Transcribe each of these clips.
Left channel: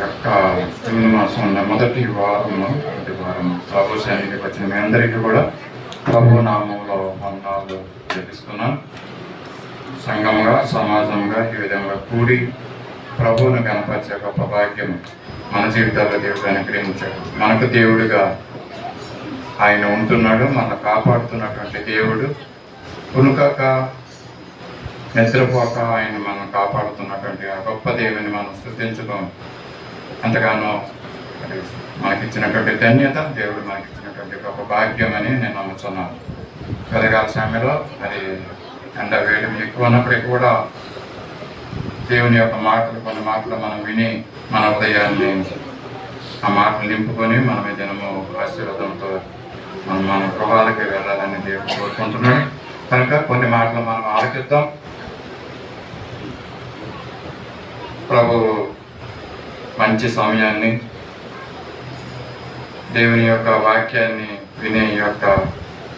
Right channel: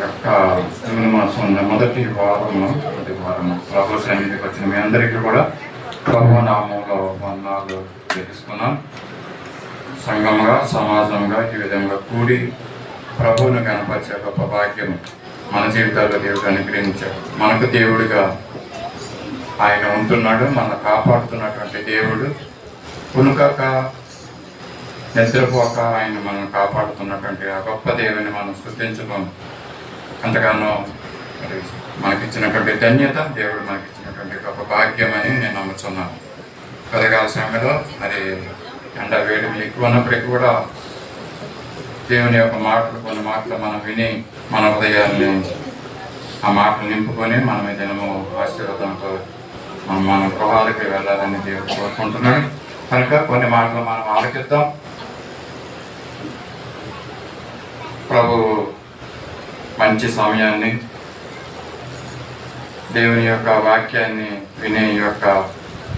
యొక్క జూన్ మాసం మొదటి వారం ప్రభు సన్నిధికి వచ్చిన మీ అందరికీ కూడా ప్రభు నామంలో వందనాలు తెలుసుకున్నాం. సంఘంగా సమాజంగా ఈ విధంగా కూడి ప్రభువును కనపరిచే గొప్ప భాగ్యం మన జీవితాల్లో దేవుడు అనుగ్రహించాడు. మనకు దేవుడిగా ఆయన ఉంటున్నాడు, మనం కాపాడుతున్నటువంటి దేవుడు. కునుకక నిద్రపోక ఆయన మనం కాపాడుతున్నటువంటి ఆ గొప్ప దేవుని మనం స్తుతించడం అంతగానో మనకిచ్చినటువంటి ధన్యత, దేవుడు మనకిచ్చినటువంటి గొప్ప భాగ్యం అని నేను నమ్ముతున్నాను. ఉదయకాల సమయంలో మరి ఎండ వేడి ఎక్కువ ఉన్నప్పటికీ కూడా దేవుని యొక్క మాటలు, కొన్ని మాటలు మనం విని మన ఉదయాన్ని ఆ మాటలు నింపుకొని మనం దినము ఆశీర్వాదంతో మన గృహాలకి వెళ్ళాలని దేవుడు కోరుకుంటున్నాడు. కనుక కొన్ని మాటలు మనం ఆలకిద్దాం. ప్రభు మంచి సమయాన్ని, దేవుని యొక్క వాక్యాన్ని వినే యొక్క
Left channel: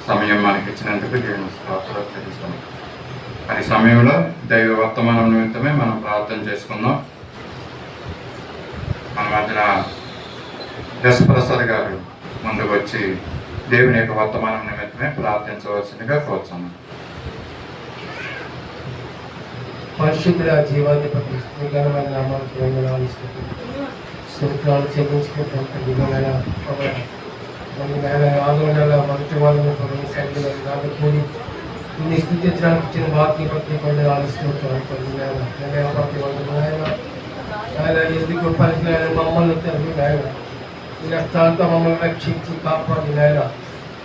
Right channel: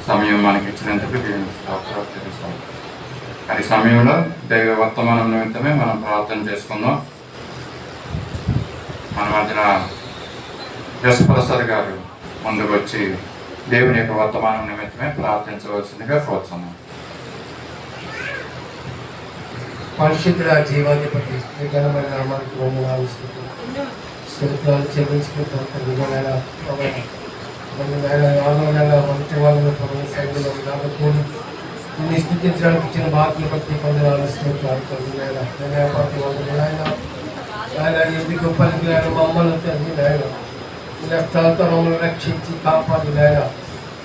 సమయం మనకి ఇచ్చినందుకు దేవుని స్తోత్రాలు తెలుస్తాం. మరి సమయంలో దైవ వర్తమానం నిమిత్తమే మనం ప్రార్థన చేసుకుందాం. మన మధ్యన యశ్ప్రసాద్ గారు ముందుకు వచ్చి దేవుని యొక్క వర్తమానం నిమిత్తమే ప్రార్థించవలసిందిగా కోరుతున్నాం. పరిశుద్ధుల జీవాధిపతి ఘనమైన నామానికి వందనాలు స్తోత్రాలు చెల్లించుకుంటాం. మొదటి వాళ్ళను ప్రభుత్వ సన్నిధిలో నాకు కూడి నిన్ను స్థుతించడానికి ఇచ్చిన బాకీ భక్తి వందనాలు స్తోత్రాలు ప్రతి ఆయన ఎందుకు పనికి ఆయన మమ్మల్ని తండ్రి నాయన కష్టాలతో మమ్మల్ని రక్షించి కాపాడి నాయన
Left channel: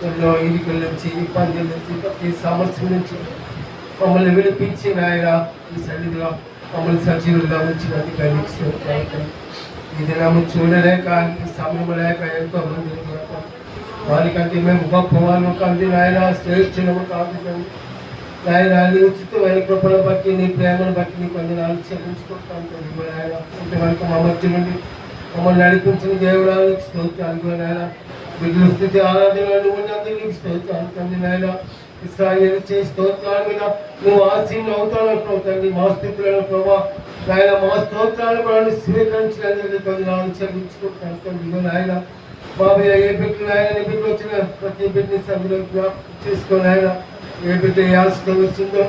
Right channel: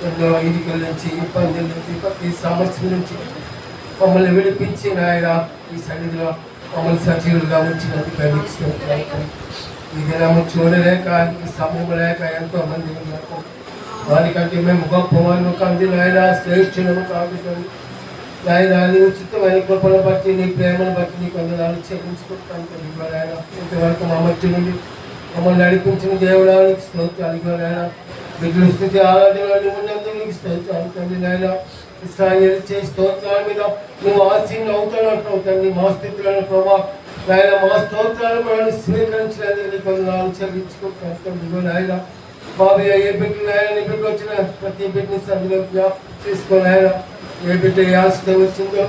ఎన్నో ఇరుకుల నుంచి ఇబ్బందుల నుంచి ప్రతి సమస్య నుంచి మమ్మల్ని విడిపించి నాయన ఈ సన్నిధిలో మమ్మల్ని సజీవులుగా ఉంచినందుకు ఈ దినము చూడలేక సమయం లేక ఎంతో మంది వారికంటే మేము గొప్ప వాళ్ళు కాదు నాయన, శ్రేష్ఠులము కాదు నాయన. నీ ఉచితమైన కృపను బట్టి, నీ ప్రేమను బట్టి నీ కొందనాలు చెల్లించుకుంటాను నాయన. ఇంతవరకు మా మధ్య నుండి మమ్మల్ని నడిపించిన దేవుడానికి స్తోత్రాలు నాయన. బిడ్డల స్థితి ఆరాధనలు ఉన్నందుకు నీకు స్తోత్రాలు తండ్రి నాయన. ఇస్రాయేలు చేసి స్తోత్రాల మీద నువ్వు ఆశీర్వాదం అవుతానంటున్నావు తండ్రి. మా స్థితులను ప్రభావ నాయన, మా స్తోత్రాలను కూడా స్వీకరించినందుకు కొందనాలు చెల్లించుకుంటాను తండ్రి నాయన. బాబయ్య ఏ బిడ్డలు ఆయన నీ బిడ్డలు వచ్చిన ప్రతి బిడ్డని సభ్యులు జ్ఞాపకం చేసుకోని ఆయన ఏ బిడ్డ ఏ ఆశతో వచ్చిందో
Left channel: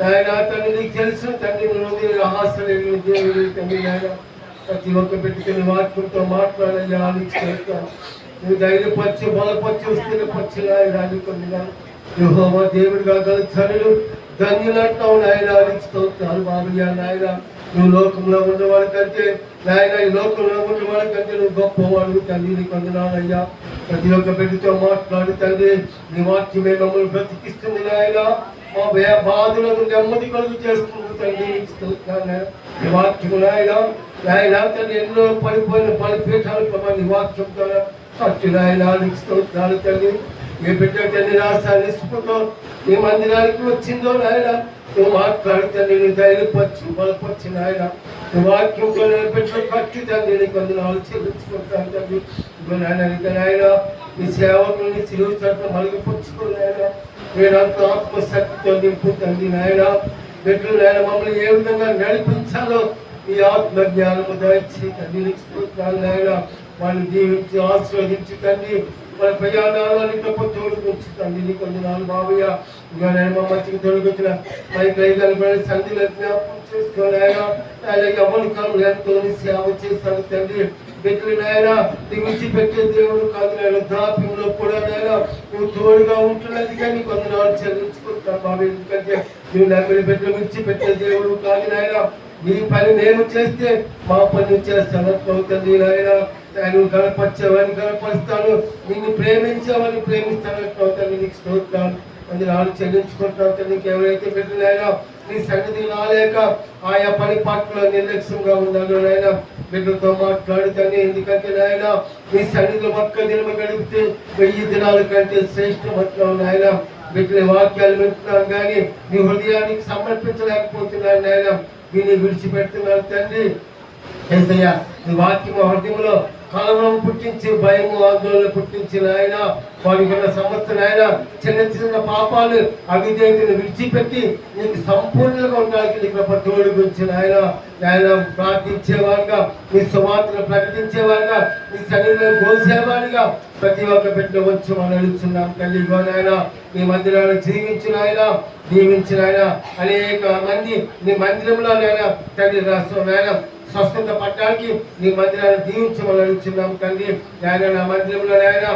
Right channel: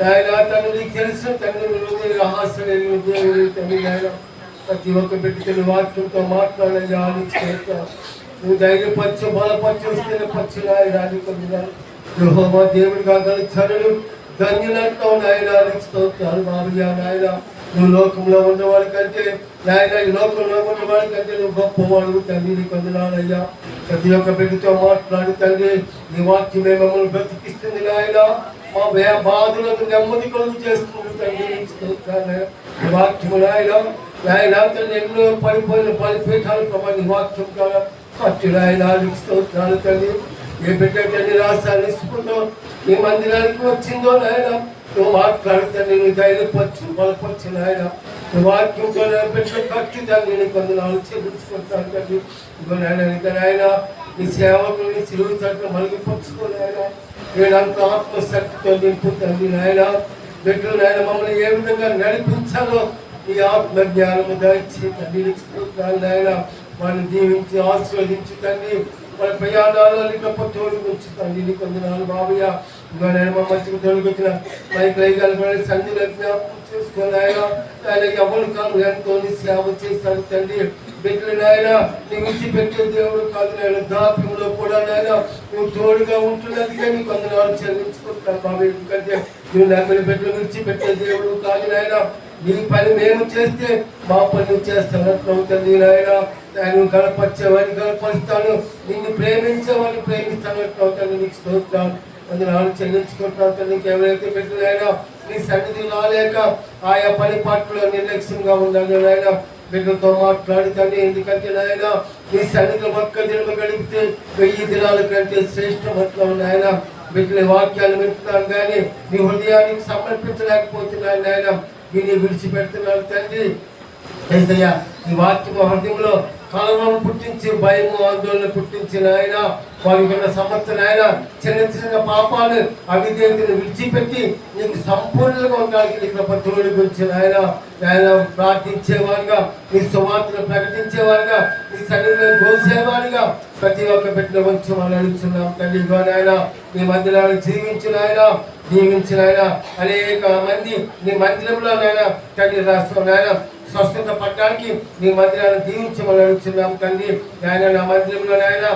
నాయన తండ్రి నీకు తెలుసు తండ్రి. నువ్వు రహస్య దేవుడు తండ్రి నాయన. ప్రతి ఒక్క బిడ్డతో నీ వాక్యంతో మాట్లాడాలి. నువ్వు ధైర్యపరచు, బలపరచు, స్థిరపరచు నాయన. కొందనాలు యెహోవా దేవుడిగా గల చనులు ధన్యులంటావు నాయన. నీకు స్తోత్రాలు బాబయ్య నాయన. నువ్వు లోకంలో ఉన్నవాడి కంటే నాయన, ఈ లోకంలో ఉన్నవాడి కంటే నువ్వు గొప్పవాడు తండ్రి. నీకు వందనాలయ్యా. ప్రతి ఒక్క బిడ్డతో మాట్లాడు తండ్రి. నీ వాక్యమే మమ్మల్ని బ్రతికిస్తుంది నాయన. మా బాధులకు నెమ్మది కలుగు చేస్తుంది తండ్రి. నీకు స్తోత్రాలు నీ వాక్యము నాయన. నాయన తండ్రి ఎన్నో పడిపోయిన బలిపీఠాలు ప్రభావ నీ వాక్యం ద్వారా కట్టు నాయన. నీకు స్తోత్రాలు తండ్రి. ఏ బిడ్డ తండ్రి రాష్ట్రాన్ని స్ఫూర్తితో నీ మందిరానికి వచ్చిందో నాయన, నువ్వు మాట్లాడుతండి. నువ్వు ధైర్యపరచు, బలపరచు నాయన. నువ్వు వాక్యంతో బిడ్డలు కట్టు తండ్రి. నీకు వందనాలు చెల్లించుకుంటాను తండ్రి. ఇదిగో నాయన నీ సేవకుల్ని సిలువు చట్టం మలిగిపరుచుకో నాయన. నేను అంత ఆత్మశక్తితో నింపు తండ్రి నాయన. బిడ్డలు నాయన మమ్మల్ని ఏ విధంగా నడిపించాలో ఈ ఆత్మ జ్ఞానము దయచి తండ్రి. నీకు స్తోత్రాలు నాయన. వాళ్ళని దీవించి ఆశీర్వదించి తండ్రి. మన ప్రయాణాలు గొప్ప చోటు ఉంచుతండి. నీకు వందనాలు బాబయ్య. ఇంకా నేను మా మంచిగా తొలగొచ్చిన మైక్ రైగల సంధిలో జ్ఞాపకం చేసుకోని ఆయన. ఆయన ఎవరు కాదు ఎంతో సేవ చేస్తాను తండ్రి. బిడ్డలు నాయన నీ విడిచిపెట్టే దేవుడు కాదు నాయన. దాప్యంలో కూడా నాయన నువ్వు తోడుగా ఉంటున్నది కానీ నీకు వందనాలు చెల్లించుకుంటాను బాబయ్య. ఎందుకంటే నువ్వు నమ్మని బిడ్డలు విడిచిపెట్టే దేవుడు కాదు నాయన. నీ పని మేము చేస్తే మా పని నువ్వు చేస్తాను తండ్రి నాయన. ఆయన గణపరిచేవాడిని గణపరుస్తాను, నిన్ను ప్రేమించేవాడిని ప్రేమిస్తాను తండ్రి. నీకు స్తోత్రాలు అందులో చెల్లించుకుంటాను తండ్రి. ఎవరైతే బిడ్డలైనా నీ సన్నిధి రాలేక ఆయా పని పాటలో నిర్లక్ష్యంగా ఉండాలి నాయన. బిడ్డలతో మాట్లాడుతాను. ఎందుకంటే నాయన నీ సన్నిధిలో ఒక్క దినం గడిపితే 1000 దినాల కంటే శ్రేష్టమంటున్నావు నాయన. బిడ్డల వాక్యాలు వింటున్నాను కానీ నీ హృదయానికి సమర్పించలేకపోతున్నాను నాయన. విని విడిచిపెడుతున్నాను తండ్రి. ఏసయ్యా నీ వాక్యం హృదయంలో కలవరం పుట్టించి భయము ఆందోళన పుట్టించిన ఆయన వారికి ఉన్న సంవత్సరం ఆయన చిన్న చిన్న పాపాలు అవిధేయతను విడిచిపెట్టి నీకు సంపూర్ణంగా ఉండడానికి నీకు పత్రుడు గురించి ఆయన ప్రార్థించేవారుగా నీ సువార్తను ప్రకటించేవారుగా నీ సన్నిధిలో కోసేవారుగా ప్రతి ఒక్క పెట్టిన వచ్చి మనం అడుగుతున్నాం తల్లి ఆయన నీ మందిరాలు జీవించిన ఆయన దీవించిన ఆయన అనేక మంది నీ మందిరంలో నాయన తండ్రి రాష్ట్రం నాయన స్వస్థత పట్టడానికి నీ మందిరాన్ని దీవించమని అడుగుతున్నాం తండ్రి ఆయన నా మందిరంలో ఆయన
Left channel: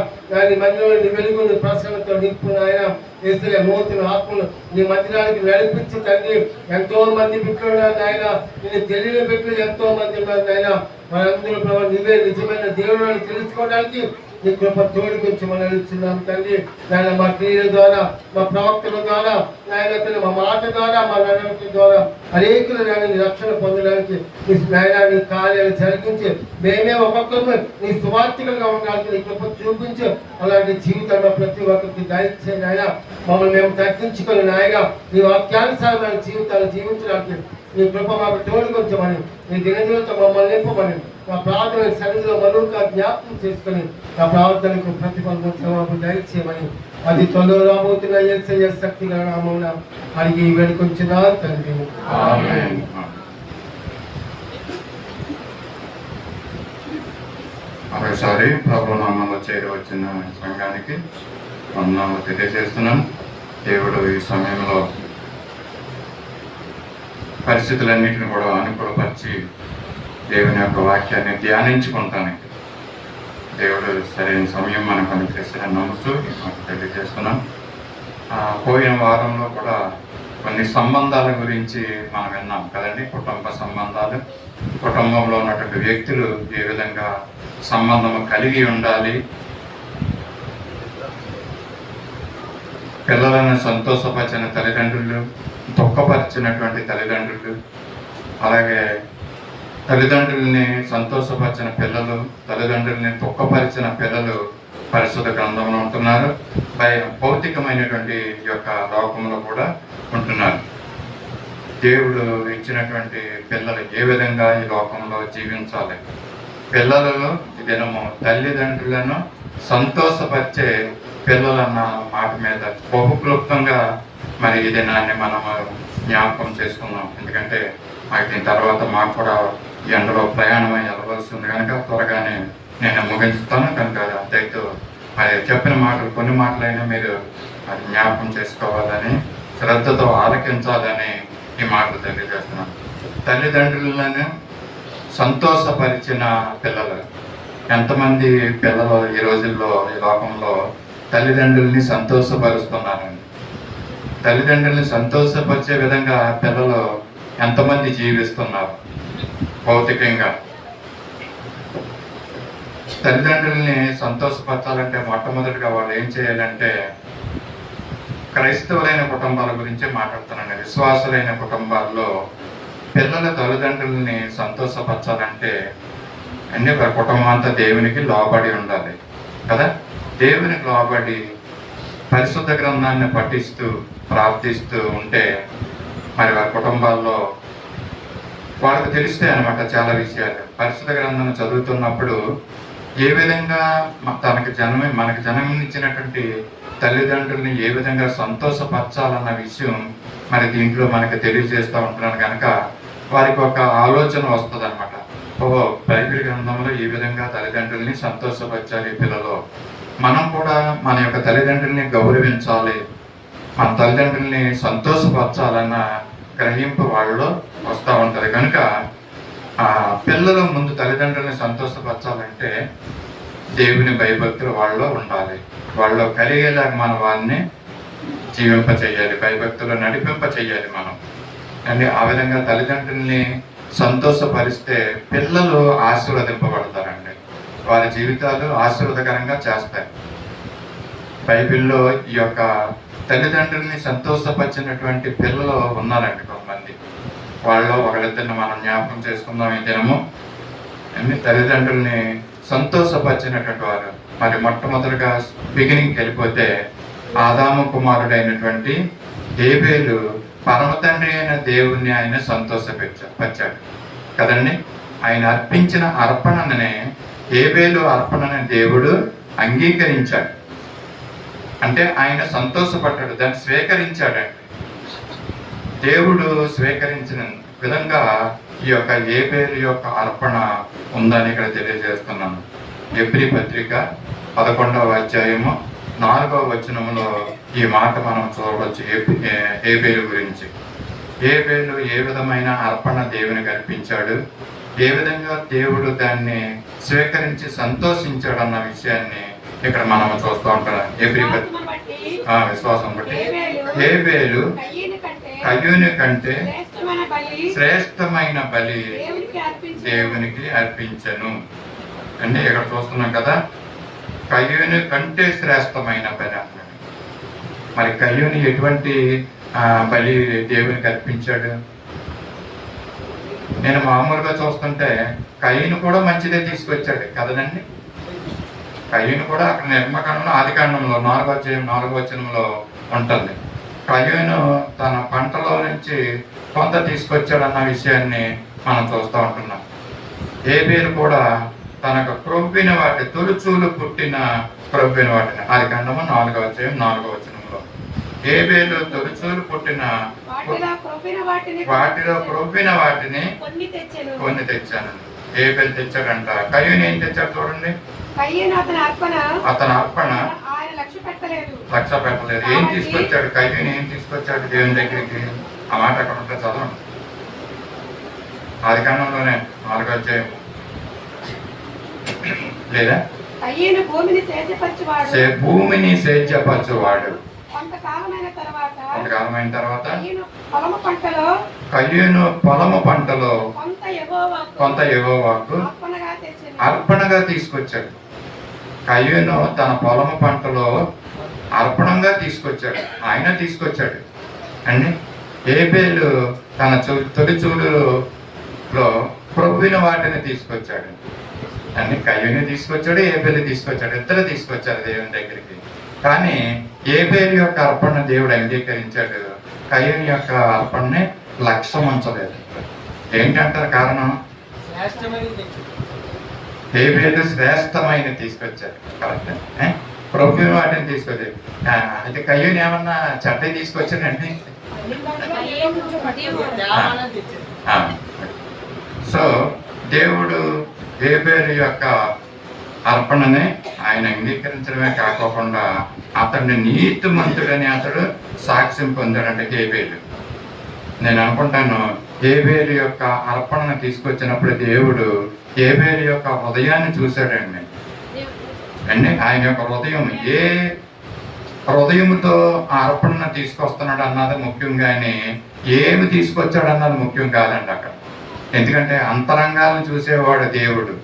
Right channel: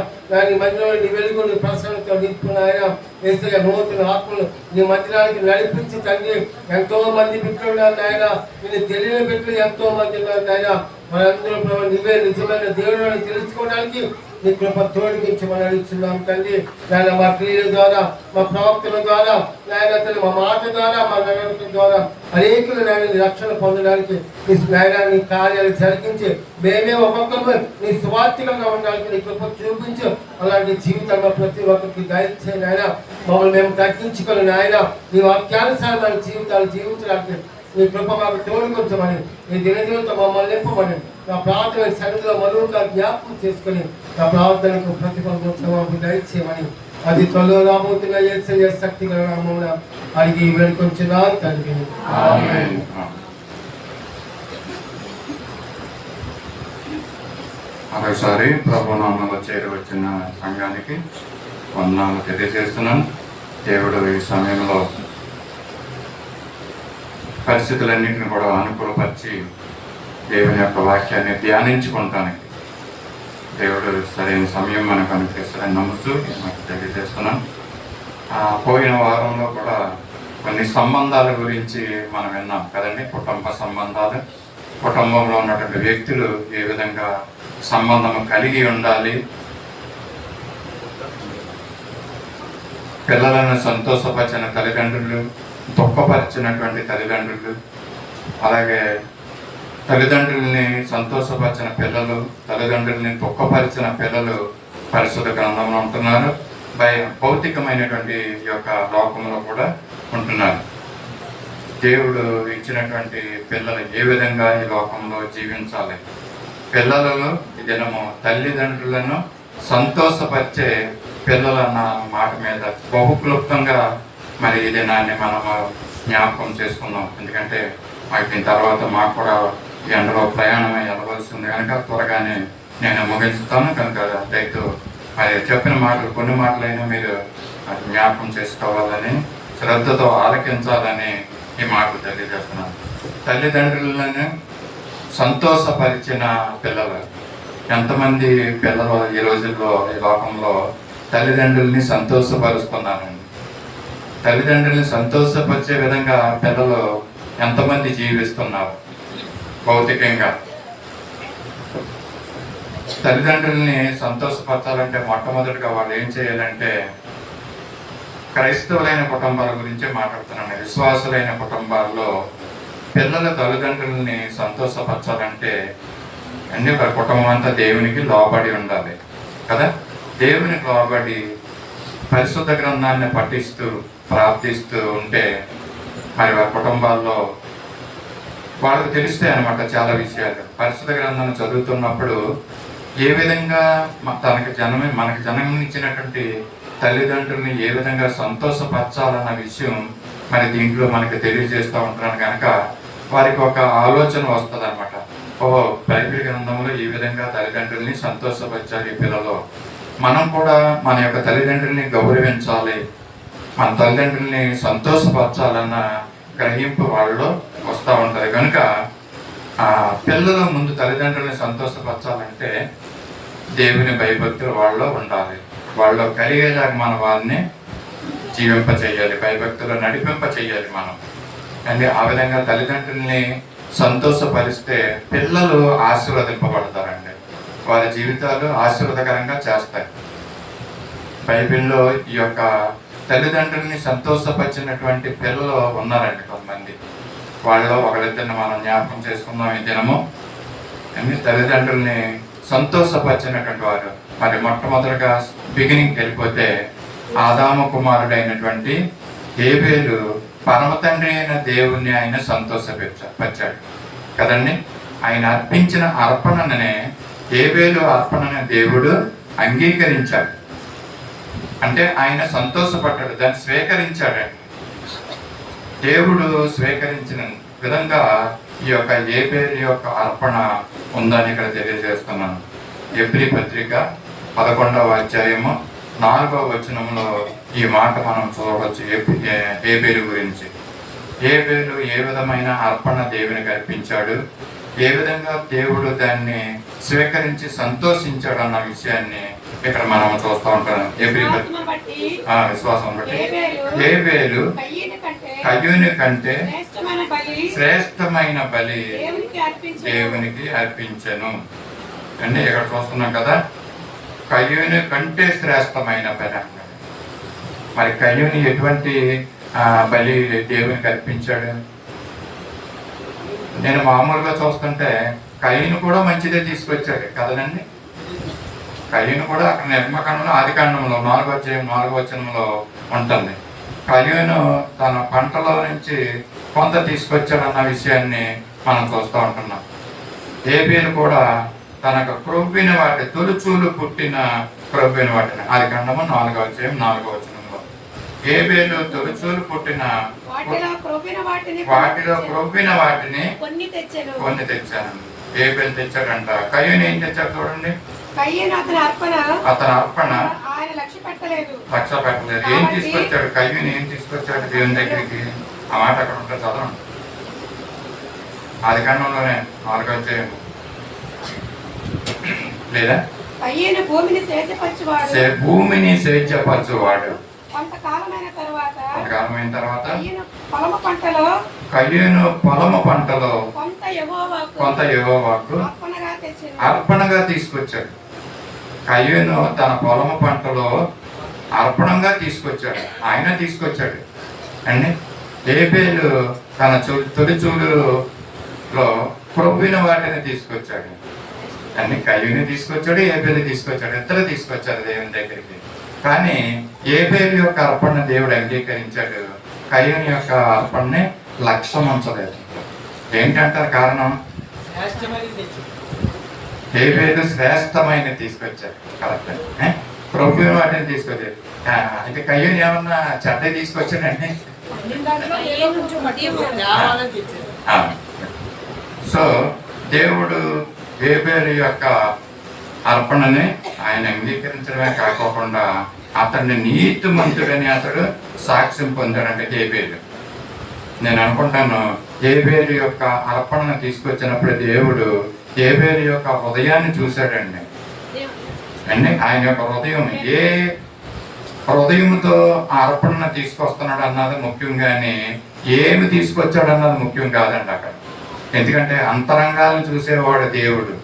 నీ మందిరంలో నీ వెలుగు నీ ప్రసన్నతో నింపున ఆయన ఏసయ్య నూతన ఆత్మలు నీ మందిరానికి నడిపించి తండ్రి ఎంతో మంది బిడ్డలు ఉన్నారు నాయన నేను తెలియని బిడ్డలు ఎంతో మంది ఉన్నారు నాయన మనందరూ ప్రభావ నీవే నిజమైన దేవుడు అని తెలుసుకోవడానికి నీ కృప తోడిపించమని అడుగుతున్నాం తండ్రి నాయన మా క్రియల ద్వారా మా ప్రవక్తల ద్వారా నాయన తల్లి మా మాట ద్వారా మా నడవడిక ద్వారా అనేకులు నాయన నీ రక్షణ పొందడానికి నీ నాయన నీ కార్యాలు జరిగించి మేమే ఒక్కొక్కరు నీ స్వార్థికంగా ఉండడానికి నీ కృప చూపించు అలాంటి జీవితంలో ప్రతి ఒక్కరికి దయచే నాయన మమ్మల్ని మేము తగ్గించుకొని నాయన నీ వాక్యానుసారమైన జీవితాలు జీవించడానికి నీ కృప మాకు తోడుకొంచమని నీ దినదినతో మమ్మల్ని నింపమని నా ప్రార్థన సన్నిధిలో మరొక జ్ఞాపకం చేసుకొని నా ప్రార్థనకు ప్రతిఫలం దయచేయమని అది త్వరలో రాబోతున్న యేసయ్య శక్తి గల నామమున అడిగి వేడుకొంచున్నాను తండ్రి. ఆమేన్. మరోసారి ప్రభు నామంలో చేరవచ్చిన సంఘానికి వందనాలు తెలియజేస్తున్నాను. దేవుడు ఈ సమయంలో పరిస్థితులన్నింటినీ కూడా అనుకూలపరిచి దేవుని యొక్క వాక్యాన్ని ధ్యానించుకుంటానికి దేవుడు సరైన సమయం మనకు అనుగ్రహిస్తారని నమ్ముతూ నాకు తెలియజేస్తున్నాను. పోయిన వారంలో కూడా కొన్ని సంబంధాల గురించి మనం విన్నాం కదండి. కుటుంబ సంబంధాలు, కుటుంబంలో ఉన్నటువంటి వ్యక్తులు ఏ విధంగా సంబంధం కలిగి ఉండాలి, పిల్లలను సంతోషపరిచిన తల్లిదండ్రులు, దుఃఖపరిచినటువంటి తల్లిదండ్రులు, అలాగే తల్లిదండ్రుల్ని సంతోషపరిచిన పిల్లలు, తల్లిదండ్రుల్ని దుఃఖపరిచిన పిల్లలు పరిశుద్ధ గ్రంథంలో ఉంటున్నారు. భౌతికమైనటువంటి యొక్క లోకంలో కూడా ఉంటున్నారు. దేవుడు ఇచ్చినటువంటి పిల్లలు ఏ విధంగా ఈ లోకంలో జీవించాలి, పిల్లలను దినము తల్లిదండ్రులను సంతోషపరిచే పిల్లలన్న మాట మీద బహుక్లుప్తంగా మరి ఈ దినాన్ని మనము జ్ఞాపకం చేసుకున్నాం. ఎందుకంటే దీని తర్వాత మాకు కూడా ఈ ఎండలో ప్రయాణం వెళ్ళవలసి ఉంది కనుక త్వరగానే నేను ముగించుతాను. కనుక రైతు మరి చెప్పిన మాటలు కొన్ని మాటలైనా మీరు మరి జ్ఞాపకం చేసుకోవాలని, శ్రద్ధతో ఆలకించాలని ఈ మాటలు తెలియజేస్తున్నాను. తల్లిదండ్రులను సంతోషపరిచిన పిల్లలు, ఎంతమంది పిల్లలు ఈ రోజుల్లో ఈ లోకంలో తల్లిదండ్రుల్ని సంతోషపరుస్తున్నారండి. తల్లిదండ్రుల్ని సంతోషపరిచే విధంగా పిల్లలు ఎంతమంది జీవిస్తున్నారు భౌతికంగా. తల్లిదండ్రుల్ని సంతోషపరచాలంటే మొట్టమొదటిగా వాళ్ళు ఏం చేయాలంటే, క్రైస్తవులైన కుటుంబాల గురించి మాట్లాడుతున్నాను. విశ్వాసులైన కుటుంబాల్లో పిల్లల తల్లిదండ్రుల్ని సంతోషపరచాలంటే అన్ని కుటుంబం అంతా దేవునికి లోబడి ఉండాలి కదా. దేవునికి లోబడి పరిశుద్ధ గ్రంథాన్ని పఠిస్తూ ప్రార్థిస్తూ ఉంటే మరి వారి కుటుంబాల్లో వాళ్ళకు తెలుస్తాయి అన్నమాట చాలా విషయాలు. పరిశుద్ధ గ్రంథాన్ని చదువుతున్నప్పుడు ఏ విధంగా మనకి జన్మనిచ్చినటువంటి తల్లిదండ్రుల్ని ఏ విధంగా సంతోషపరచాలన్న విషయం మరి దీంట్లో మనకి తెలియజేస్తూ ఉంటున్నాను కనుక వారికి ఒక ఆలోచన వస్తుంది అనమాట. బైబిల్ గ్రంథంలో ఈ విధంగా తల్లిదండ్రుల్ని సంతోషపరచాలి పిల్లలు, మనం కూడా మన యొక్క తల్లిదండ్రుల్ని గౌరవించాలి, మన తల్లిదండ్రుల్ని సంతోషపరచాలన్న గ్రహింపు వాళ్ళలో వస్తూ ఉంటుంది. కనుక పిల్లల ముందు తల్లిదండ్రుల్ని సంతోషపరచాలంటే దేవుని భయభక్తులు వాళ్ళలో ఉండాలి. వాళ్ళలో కలిగేలా మనం వారిని జీవింప చేయాలి, భయభక్తులు నడిపింప చేయాలి మనం. అంటే ఆ విధంగా తల్లిదండ్రుల్ని సంతోషపరిస్తే పిల్లలు ఆశీర్వదింపబడతారండి, వారి జీవితాలు ఆశీర్వాదకరంగా చేస్తాయి. బైబిల్లో ఈ యొక్క తల్లిదండ్రుల్ని సంతోషపరిచినటువంటి పిల్లలు ఉన్నారండి కొంతమంది. వాళ్ళలో ఒకరిద్దరిని మనం జ్ఞాపకం చేసుకుందాం ఈ దినము. తల్లిదండ్రుల్ని సంతోషపరిచినటువంటి వారు మరి మొట్టమొదటిగా బిగినింగ్కి వెళ్ళిపోతే ఆదాము కుమారుడైనటువంటి హేబేలు పరమ తండ్రి అయిన దేవుణ్ణి ఆయన సంతోషపరిచాడు కదండి. ఆయన అర్పించిన అర్పణనే ఏబేలు అర్పణను దేవుడు అంగీకరించాడు, అంటే ఆయన సంతోషపడ్డాడు, దాన్ని స్వీకరించాడు. దేవుడు స్వీకరించిన విధంగా ఈ యొక్క ఏబేలు యొక్క అర్పణ ఉందని ఇక్కడ తెలియజేస్తున్నాను. ఎబ్రీ పత్రిక 11వ అధ్యాయము 4వ వచనంలో ఈ మాట మనం చూడవచ్చు. ఏబేలు గురించి, ఏబేలు ఏ విధమైన అర్పణ దేవునికి అర్పించాడు, ఏ విధంగా దేవుడు దాన్ని స్వీకరించి సంతోషించాడు అన్న విషయాన్ని ఇక్కడ మనం చూస్తూ ఉంటాం. విశ్వాసం బట్టి ఏబేలు కయ్యూని కంటే శ్రేష్టమైన బలి దేవునికి అర్పించను. అంటే ఇక్కడ చూస్తున్నాం కదా, కయ్యూని కంటే శ్రేష్టమైన బలి అన్నాడు. మరి కయ్యూని ఎటువంటి బలి దేవునికి అర్పించాడు? నేను మామూలుగా చూస్తుంటే కయ్యూని కూడా మంచిదే తీసుకొచ్చాడు కదనండి. కయ్యూని కూడా అక్కడ నిర్మకాండంలో ఆదికాండంలో 4వ వచనంలో ఉంటుంది. కయ్యూను తన పంటలో నుంచి కొంత తీసుకొచ్చాడు అన్న విషయాన్ని మనం చూస్తూ ఉంటున్నాం. ఏబేలు కూడా తనకు క్రొవ్విన వాటి తొలుచూలు పుట్టిన క్రొవ్విన వాటిని, ఆదికాండము 4వ అధ్యాయం 4వ వచనంలో, ఏబేలు తొలుచూలు పుట్టిన వాటిలో క్రొవ్విన వాటిని కొన్ని తెచ్చాను. ఏబేలు తెచ్చాడంట. కయ్యూను ఏం తెచ్చాడు చూడండి. అతని అర్పణ లక్ష్య పెట్టలేదు. ఏం తీసుకొచ్చాడు? కయ్యూను ఏం తీసుకొచ్చాడు దేవుని దగ్గరికి? ఆ మాట అక్కడ ఉంటే చదవండి. ఆదికాండంలోనే 4వ అధ్యాయం. లేదా భూమిని సేద్యపరచువాడు. కొంతకాలమైన తర్వాత కయ్యూను పొలము పంటలో కొంత యెహోవాకు అర్పణగా తీసుకొచ్చాడు. కయ్యూను తన పొలము పంటలో అర్పణంగా తీసుకొచ్చాడు, ఆయన తీసుకొచ్చాడు అండి. ఏబేలు తన తొలిచూలులో క్రొవ్విన వాటిని తీసుకొచ్చాడు అని. కయ్యూని తీసుకొచ్చాడు, ఏబేలు తీసుకొచ్చాడు, ఇద్దరు తీసుకొచ్చారు దేవుని దగ్గరికి. కానీ ఏబేలు యొక్క అర్పణ దేవుడు అంగీకరించాడు, కయ్యూని యొక్క అర్పణని లక్ష్యం ఉంచలేదు. ఏంటంటారు కారణం? ఏబేలు శ్రేష్టమైన తీసుకొచ్చాడు, కరెక్ట్. క్రొవ్విన వాటిని తీసుకొచ్చాడు. అయితే కయ్యూని ఏమన్నా చెడ్డ తీసుకొచ్చాడండి? సో దేవుడు ఏబేలు యొక్క అర్పణని ఆయన అంగీకరించడమే కాకోకుండా అతడిని నీతిమంతుడని అతడు సాక్ష్యం పొందాడంటే ఏబేలు. నేను అనుకుంటాను ఏబేలు యొక్క అర్పణను తీసుకొచ్చినప్పుడు దేవుడు ఏబేలు యొక్క హృదయాన్ని చూశాడండి. ఆయన యొక్క హృదయం ఏ హృదయంతో ఆ అర్పణను తీసుకొస్తున్నాడు అన్నది ముఖ్యం, కానీ ఏమి తీసుకొచ్చాడు అన్నది ముఖ్యం కాదండి అక్కడ. ఎందుకంటే అంతరంగాలను చూసేవాడు దేవుడు.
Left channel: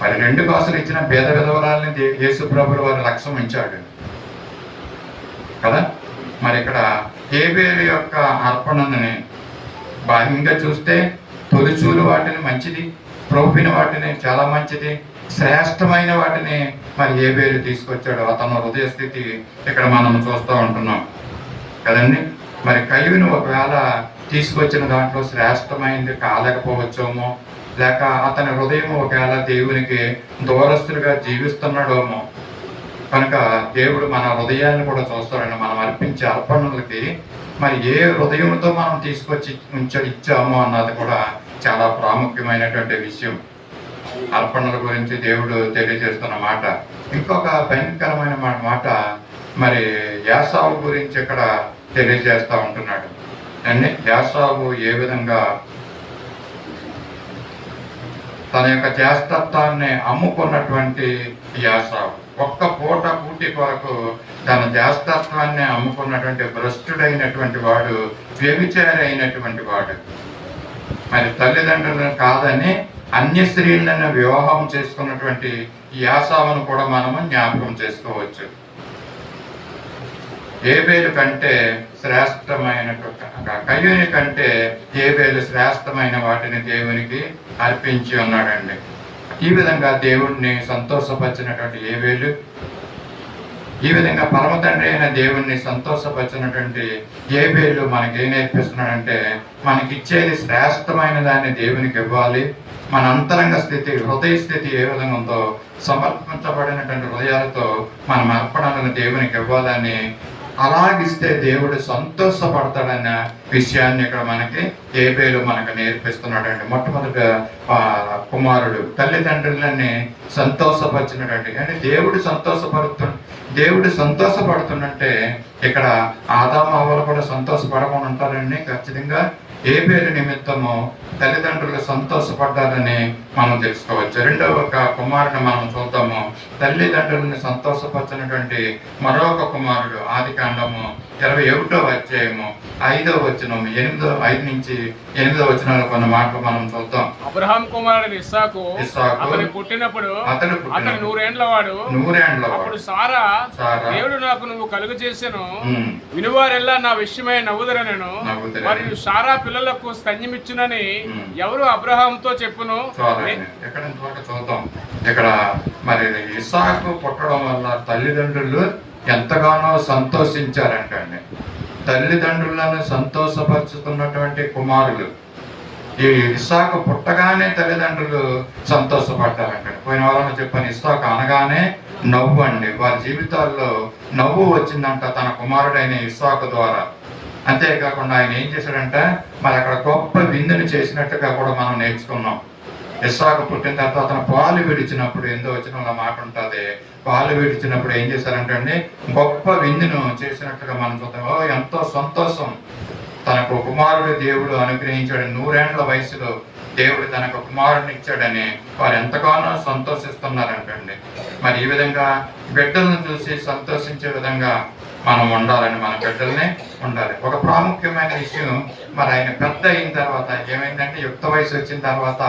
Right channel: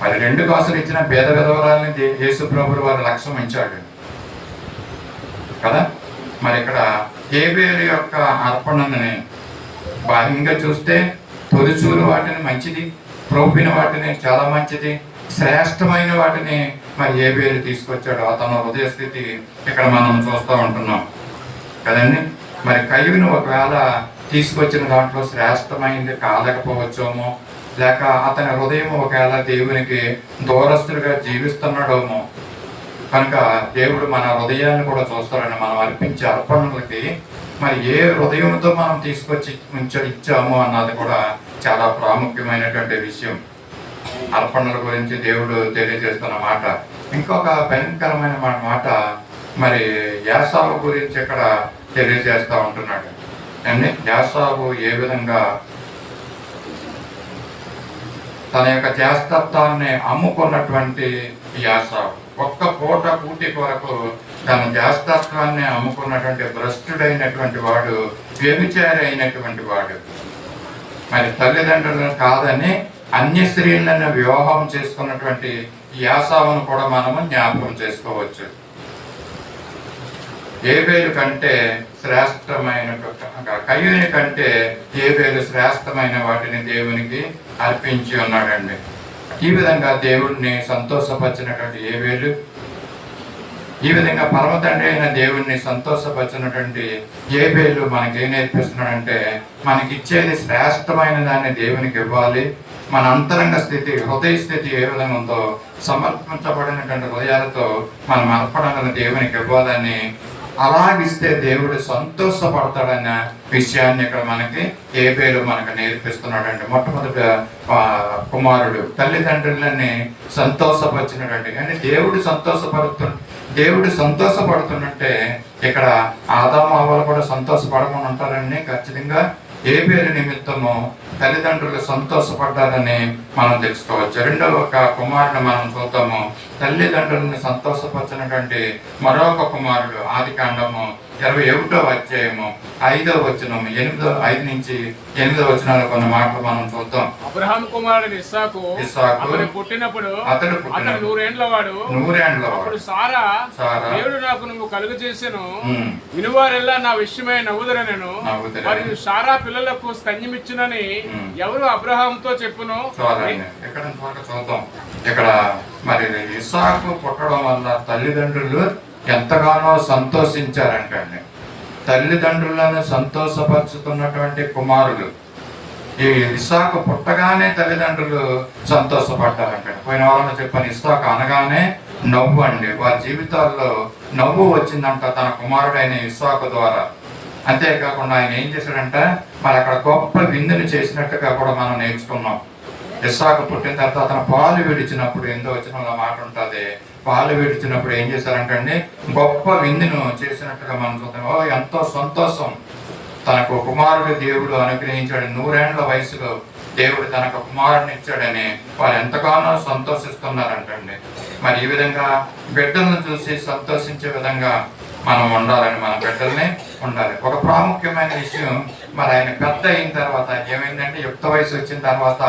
మరి 2 కాసులు ఇచ్చిన పేద విధవరాలని యేసు ప్రభువులు వారి లక్ష్యం ఉంచాడు కదా. మరి ఇక్కడ ఏబేలు యొక్క అర్పణని బాహ్యంగా చూస్తే తొలిచూలు వాటిని మంచిది, క్రొవ్విన వాటిని చాలా మంచిది, శ్రేష్టమైన వాటిని మరి ఏబేలు తీసుకొచ్చాడు. అతను హృదయ స్థితి ఇక్కడ మనం చూస్తూ ఉంటున్నాం కదండి. మరి కయ్యూను ఒకవేళ తీసుకొచ్చిన దాంట్లో శ్రేష్టమైనది కాలేకపోవచ్చేమో, లేక అతని హృదయం ఒకవేళ దేవునికి దూరస్తులుగా జీవిస్తున్నాడేమో. కనుక దేవుడు మన హృదయాన్ని కూడా చూస్తాడని. మనం అర్పించే అర్పణలకి మరి ఏ హృదయంతో మనం తీసుకొచ్చి ఇచ్చామో అన్నది కూడా చాలా ప్రాముఖ్యమైనటువంటి విషయం. అర్పణల గురించి దేవుడు తెలియజేస్తున్న మాట. ఇంకొక భయంకరమైన మాట మరి యాసావు గురించి ఇక్కడ తెలియజేస్తూ ఉంటున్నాడు అండి. యాసావు ఏ విధంగా తన యొక్క జ్యేష్ఠత్వాన్ని అమ్ముకున్నటువంటి యాసావు, ఒక్క పూట కూటి కొరకు తన జ్యేష్ఠత్వాన్ని అమ్ముకున్నటువంటి భ్రష్టుడైనటువంటి వాడు, వ్యభిచారి అయినటువంటి వాడు. మరి తల్లిదండ్రులను కాదని అన్య స్త్రీలను వివాహం చేసుకున్నటువంటి యాసావును కూడా మనము జ్ఞాపకం చేసుకోవచ్చు. ఏబేలు కంటే శ్రేష్టమైన, కయ్యూని కంటే ఏబేలు శ్రేష్టమైన వాటిని దేవునికి అర్పించి ఉన్నాడండి. ఈ విధంగా దేవుడిని సంతోషపరిచినటువంటి ఏబేలు, ఈ విధంగా పరమ తండ్రి అయిన దేవుడిని సంతోషపరిచినటువంటి ఏబేలు మనకేం నేర్పిస్తున్నాడంటే, మనకిచ్చేది శ్రేష్టమైన దాన్ని దేవునికి ఇవ్వాలి, మన అంతరంగ స్థితి, హృదయ స్థితి ఏ విధంగా ఉందో సమర్పించబడినటువంటి హృదయాలతో మనం అర్పణలను దేవునికి ఇవ్వాలని, అలాగిస్తే దేవుడు సంతోషపడతాడన్న విషయాన్ని ఇక్కడ మనకి హేబేలు మనకు నేర్పిస్తున్నాడండి. మొట్టమొదట కుమారుడు తల్లిదండ్రులని సంతోషపరిచినటువంటి, అంటే దేవుడు సంతోషపడుతుందంటే ఇక్కడ ఆదాము హవ్వలు కూడా సంతోషపడమని ఉంటారండి. ఖచ్చితంగా హేబేలు నిమిత్తము తల్లిదండ్రులు సంతోషపడ్డారని మనం తెలుసుకోవచ్చు. రెండవ కుమారుడు మనం చూద్దాము. తల్లిదండ్రులను సంతోషపరిచినటువంటి మరొక కుమారుడు ఆదికాండము 21వ అధ్యాయము 5వ వచనం 5 నుంచి 8వ వచనాలు కొన్ని మాటలు మనం చూద్దాం. అబ్రహాం కుమారుడు ఇస్సాకు అతడు పుట్టినప్పుడు అతడు 100 ఏండ్ల వాడు. అప్పుడు సారా దేవుడు నాకు నువ్వు కలుగు చేసెను, వినువారెల్లా నా విషయమై నవ్వుదరనెను, మరియు సారా పిల్లలకు స్తన్యమిచ్చునని ఎవరు అబ్రహాంతో చెప్పును. చూద్దాం ఇక్కడ మరి ఇస్సాకు పుట్టడం వల్ల తల్లిదండ్రులు ఎంతగానో సంతోషించారంటండి. తల్లిదండ్రులను సంతోషపరుచుతున్నటువంటి కుమారులు. ఈ ఇస్సాకు పుట్టగానే తల్లిదండ్రులు సంతోషపడ్డారంట. పోయిన వారంలో చెప్పాను, ఇస్సాకు అనగానే నవ్వు అండి. వారి జీవితాల్లో నవ్వు వచ్చిందంట తన కుమారుడైన ఇస్సాకు ద్వారా. అంతేకాకుండా ఆయన ఏం చేశాడంటే మరి అక్కడ గొప్ప విందుని చేసినట్టుగా కూడా మనం నేర్చుకున్నాం. ఇస్సాకు పుట్టిన తర్వాత అతను పాలు విడిచినప్పుడు, ఎంతో వచ్చిన మాట ఉంటుంది, పాలు విడిచినప్పుడు ఏం చేశారంటే గొప్ప విందును చేసినట్టుగా మనం చూద్దాం. ఎంతో సంతోషం. తనకు కుమారుడు దేవుడు అనుగ్రహించాడు. 100 ఏండ్ల వయసులో దేవుడు తనకు కుమారుడిని ఇచ్చాడని వారు ఎంతగానో సంతోషిస్తున్నారంటండి. మరి ఈ విధంగా బిడ్డలను చూసి సంతోషించే విధంగా మనం ఉండాలని, మన బిడ్డల్ని ఉండాలి. ఒక ప్రాముఖ్యమైన విషయం, మరి ఆయన పెద్ద అయిన తర్వాత ఏమైందంటే యుక్త వయసు వచ్చిన తర్వాత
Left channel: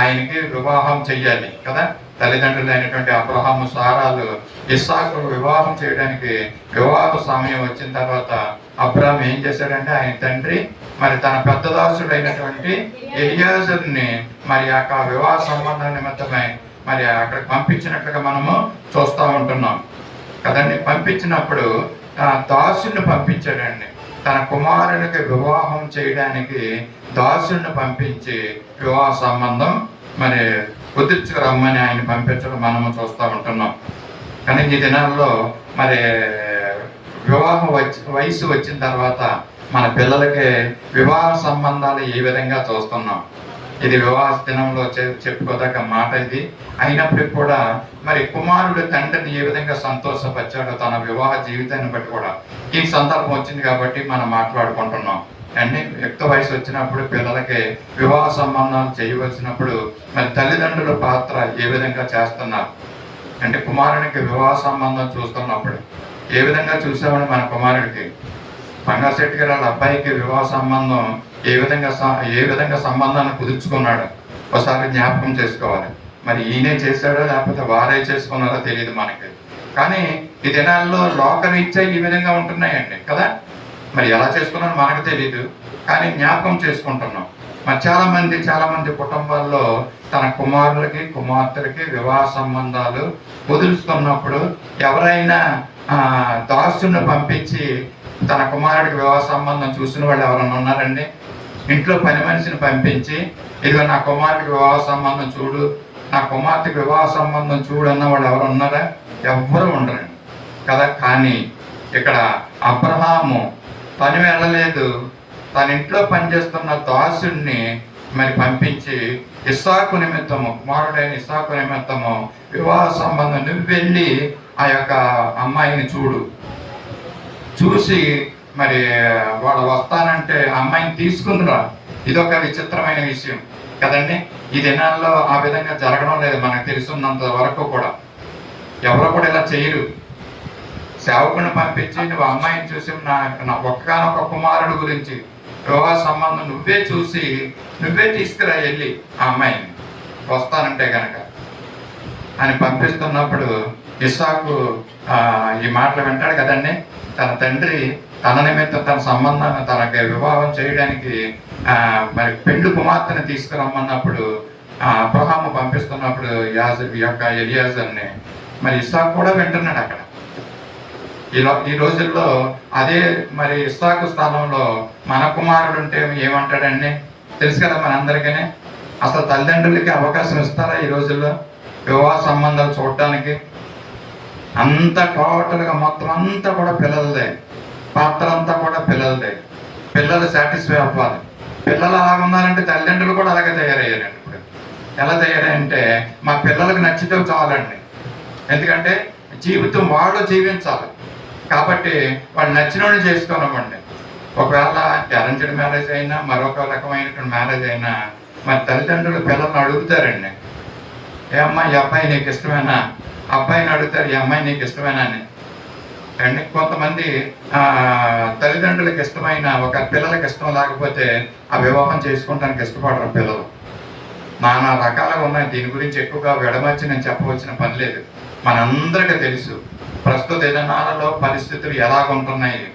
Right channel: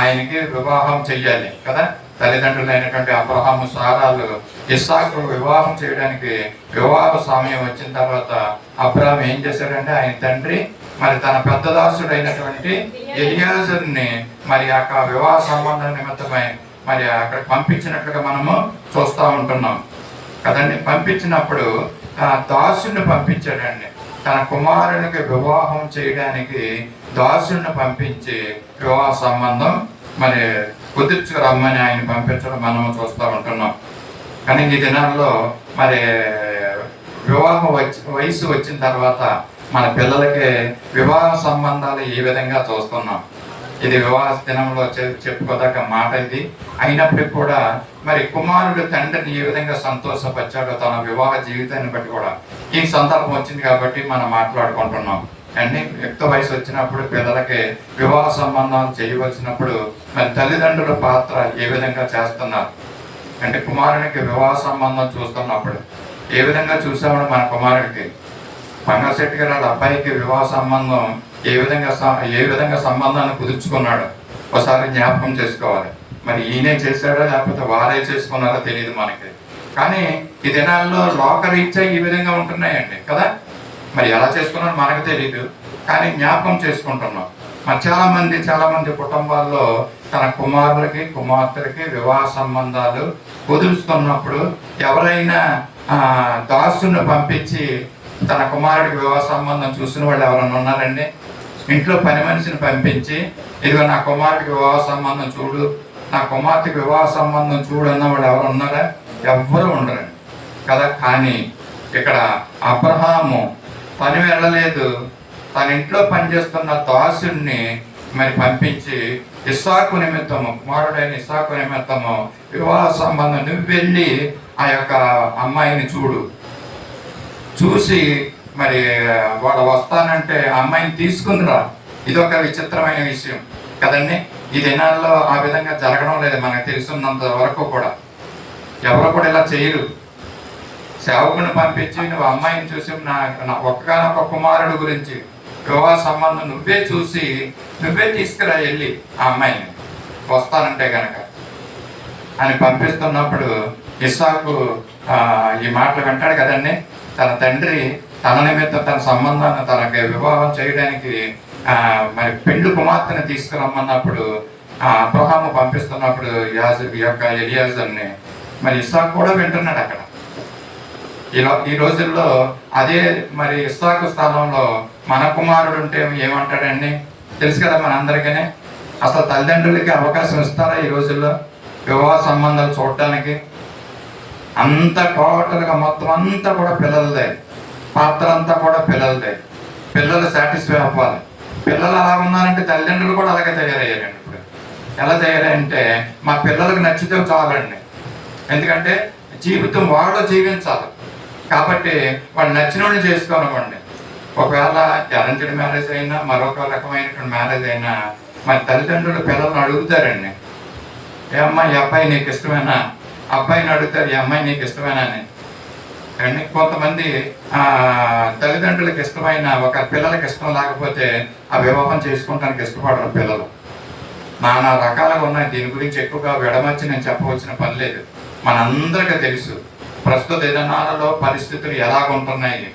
ఆయనకి వివాహం చెయ్యాలి కదా. తల్లిదండ్రులు అయినటువంటి అబ్రహాము సారాలు ఇస్సాకు వివాహం చేయడానికి వివాహ సమయం వచ్చిన తర్వాత అబ్రహాం ఏం చేశాడంటే ఆయన తండ్రి మరి తన పెద్ద దాసుడు అయినటువంటి ఎలియాజరుని మరి ఆ వివాహ సంబంధం నిమిత్తమై మరి అక్కడ పంపించినట్లుగా మనము చూస్తూ ఉంటున్నాం కదండి. పంపించినప్పుడు దాసుని పంపించాడండి. తన కుమారునికి వివాహం చేయడానికి దాసుని పంపించి వివాహ సంబంధం మరి కుదుర్చుకురమ్మని ఆయన పంపించడం మనము చూస్తూ ఉంటున్నాం. కానీ ఈ దినాల్లో మరి వివాహ వయసు వచ్చిన తర్వాత మన పిల్లలకి వివాహ సంబంధాలు ఈ విధంగా చూస్తున్నాం. ఇది వివాహ దినంలో చెప్పుకోదగ్గ మాట ఇది. అయినప్పటికీ కూడా మరి కుమారుడు తండ్రిని ఏ విధంగా సంతోషపరిచాడో తన వివాహ జీవితాన్ని బట్టి కూడా ఈ సందర్భం వచ్చింది కాబట్టి మనం మాట్లాడుకుంటున్నాం. అండి యుక్త వయసు వచ్చినప్పుడు పిల్లలకి వివాహ సంబంధాలు చేయవలసినప్పుడు మరి తల్లిదండ్రుల పాత్ర ఏ విధంగా చేస్తున్నారు అంటే కుమారునికి వివాహ సంబంధం చూస్తున్నప్పుడు ఏ విధంగా చూసామని మన కుమారుడికి పంగశెట్టి గారు వాళ్ళ అబ్బాయికి వివాహ సంబంధం ఏ విధంగా సంబంధాన్ని కుదుర్చుకున్నాడు ఒకసారి జ్ఞాపకం చేసుకోవాలి. మరి ఈయనే చేశాడో లేకపోతే వారే చేసుకున్నారో తెలియదు మనకి. కానీ ఈ దినాల్లో లోకరీత్యా ఈ విధంగా ఉంటున్నాయండి కదా. మరి ఎలా చేసుకున్నారో మనకు తెలియదు, కానీ జ్ఞాపకం చేసుకుంటున్నాం. మరి చాలా మంది కుటుంబాల్లో తన కుమారులకి కుమార్తెలకి వివాహ సంబంధాలు కుదుర్చుకున్నప్పుడు ఎవరైనా దాసుని పంపించి తన కుమారుడికి వివాహ సంబంధం చూసిన వాళ్ళు ఎవరైనా ఉన్నారండి? ఇంట్లో పని మనిషిని పంపించి ఇదిగో నా కుమారుడికి వివాహ సంబంధం చూడు, నా కుమార్తెకి వివాహ సంబంధం చూడు అన్న వాళ్ళు ఎవరు ఉన్నారా? ఎవ్వరూ ఉండరండి కదా. కానీ ఇక్కడ అబ్రహాము పని వెళ్ళలేదు, తన ఇంట్లో పనిచేస్తున్న దాసుడిని మరి పంపించి ఇస్సాకు నిమిత్తము, కుమారుడైన ఇస్సాకు నిమిత్తము వివాహ సంబంధం నువ్వు వెళ్ళి ఆ యొక్క అమ్మాయిని చూసి మరి వాళ్ళు వస్తానంటే అమ్మాయిని తీసుకుందిరా. ఇదొక విచిత్రమైన విషయం కదండి. ఈ దినాల్లో ఆ విధంగా జరగడం లేదు మనకు తెలుసున్నంత వరకు కూడా. ఎవరు కూడా ఇలా చేయరు. సేవకుని పంపించి నువ్వు అమ్మాయిని చూసి నా ఒక్కగానొక్క కుమారుడు గురించి వివాహ సంబంధం నువ్వే చూసి నువ్వే తీసుకురా వెళ్ళి ఆ అమ్మాయిని వస్తానంటే కనుక అని పంపిస్తున్నప్పుడు ఇస్సాకు ఈ మాటలు వింటాడు కదండి. తన తండ్రి తన నిమిత్తం తన సంబంధాన్ని తనకి వివాహం చేయడానికి మరి పెండు కుమార్తెని తీసుకురమ్మన్నప్పుడు అబ్రహాము పంపిస్తున్నప్పుడు ఎలియాజర్ని మరి ఇస్సాకు కూడా వింటున్నాడు అక్కడ. ఈ రోజుల్లో అదే మరి ఇస్సాకు స్థానంలో మన కుమారుడు ఉంటే ఏమంటాడండి తెలుసు కదా మనందరికీ. అసలు తల్లిదండ్రులకి అవకాశం ఇస్తారా ఈ రోజుల్లో వివాహ సంబంధాలు చూడటానికి? అంతా టోటల్గా మొత్తం అంతా కూడా పిల్లలదే, పాత్ర అంతా కూడా పిల్లలదే. పిల్లలు సాటిస్ఫై అవ్వాలి. పిల్లలు అలా ఉన్నారంటే తల్లిదండ్రులు కూడా అలాగే తయారయ్యారండి. ఇప్పుడు ఎలా తయారంటే మా పిల్లలకు నచ్చితే చాలండి. ఎందుకంటే జీవితం వాళ్ళు జీవించాలి కాబట్టి వాళ్ళు నచ్చిన వాళ్ళు చేసుకోనివ్వండి. ఒకవేళ అరేంజ్డ్ మ్యారేజ్ అయినా మరొక రకమైనటువంటి మ్యారేజ్ అయినా మరి తల్లిదండ్రులు పిల్లల్ని అడుగుతారండి, ఏ అమ్మాయి ఈ అబ్బాయి నీకు ఇష్టమేనా? అబ్బాయిని అడుగుతారు, ఈ అమ్మాయి నీకు ఇష్టమేనా అని. అండ్ కొంతమంది తల్లిదండ్రులకు ఇష్టమైన ఒక పిల్లలకి ఇష్టం లేకపోతే ఆ వివాహం చేసుకోవడానికి ఇష్టపడరు పిల్లలు. నానా రకాలుగా ఉన్నాయి. దీని గురించి ఎక్కువగా విడమర్చి నేను చెప్పవలసిన పని లేదు. మనందరికీ తెలుసు ప్రస్తుత దినాలలో పరిస్థితులు ఎలాగుంటున్నాయి.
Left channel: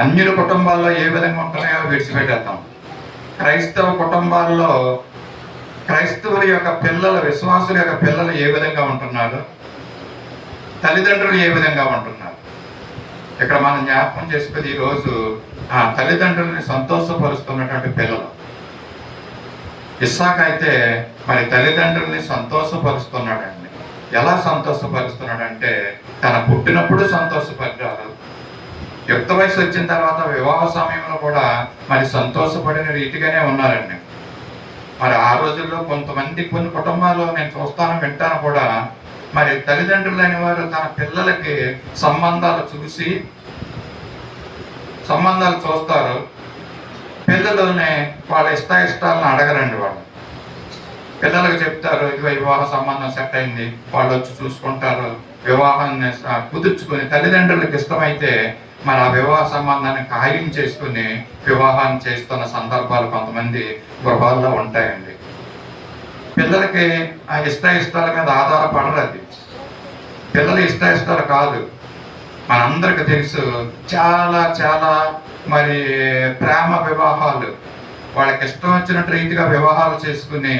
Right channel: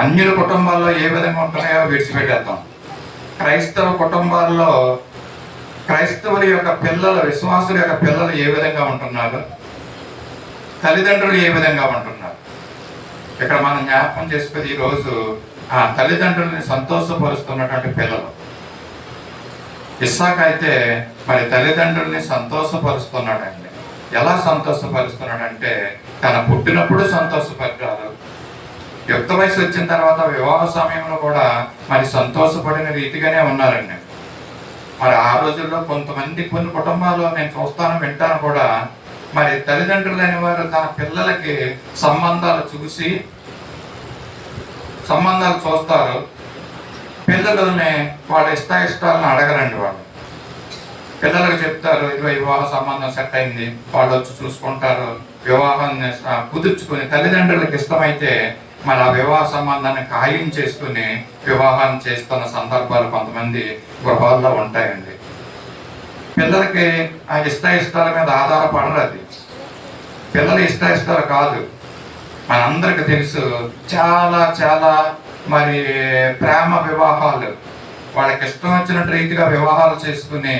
అన్యుల కుటుంబాల్లో ఏ విధంగా ఉంటున్నాయో విడిచిపెట్టేద్దాం. క్రైస్తవ కుటుంబాల్లో క్రైస్తవుల యొక్క పిల్లలు, విశ్వాసుల యొక్క పిల్లలు ఏ విధంగా ఉంటున్నారు, తల్లిదండ్రులు ఏ విధంగా ఉంటున్నారు, ఇక్కడ మనం జ్ఞాపకం చేసుకుని ఈరోజు తల్లిదండ్రుల్ని సంతోషపరుస్తున్నటువంటి పిల్లలు. ఇస్సాకు అయితే మరి తల్లిదండ్రుల్ని సంతోషపరుస్తున్నాడండి. ఎలా సంతోషపరుస్తున్నాడంటే తన పుట్టినప్పుడు సంతోషపడ్డారు, యుక్త వయసు వచ్చిన తర్వాత వివాహ సమయంలో కూడా మరి సంతోషపడిన రీతిగానే ఉన్నారండి. మరి ఆ రోజుల్లో కొన్ని కుటుంబాల్లో నేను చూస్తాను, వింటాను కూడా, మరి తల్లిదండ్రులైన వారు తన పిల్లలకి సంబంధాలు చూస్తారు. పిల్లలని వాళ్ళ ఇష్టాలను అడగరండి. వాళ్ళు పిల్లలకు చెప్తారు, ఇదిగో వివాహ సంబంధం సెట్ అయింది, వాళ్ళు వచ్చి చూసుకుంటారు, వివాహాన్ని కుదుర్చుకుని తల్లిదండ్రులకు ఇష్టమైతే మరి ఆ వివాహ సంబంధాన్ని ఖాయం చేసుకుని వివాహాన్ని చేస్తున్న సందర్భాలు కొంతమంది గృహాల్లో ఉంటాయండి. పిల్లలకి ఆ ఇష్టాల మీద ఆధారపడరు. అది పిల్లల ఇష్టాలు కాదు. మనందరికి తెలుసు చాలా చాలా మరి ప్రేమ వివాహాలు, వాళ్ళకి ఇష్టం వచ్చినట్టు రీతిగా వివాహాలు చేసుకుని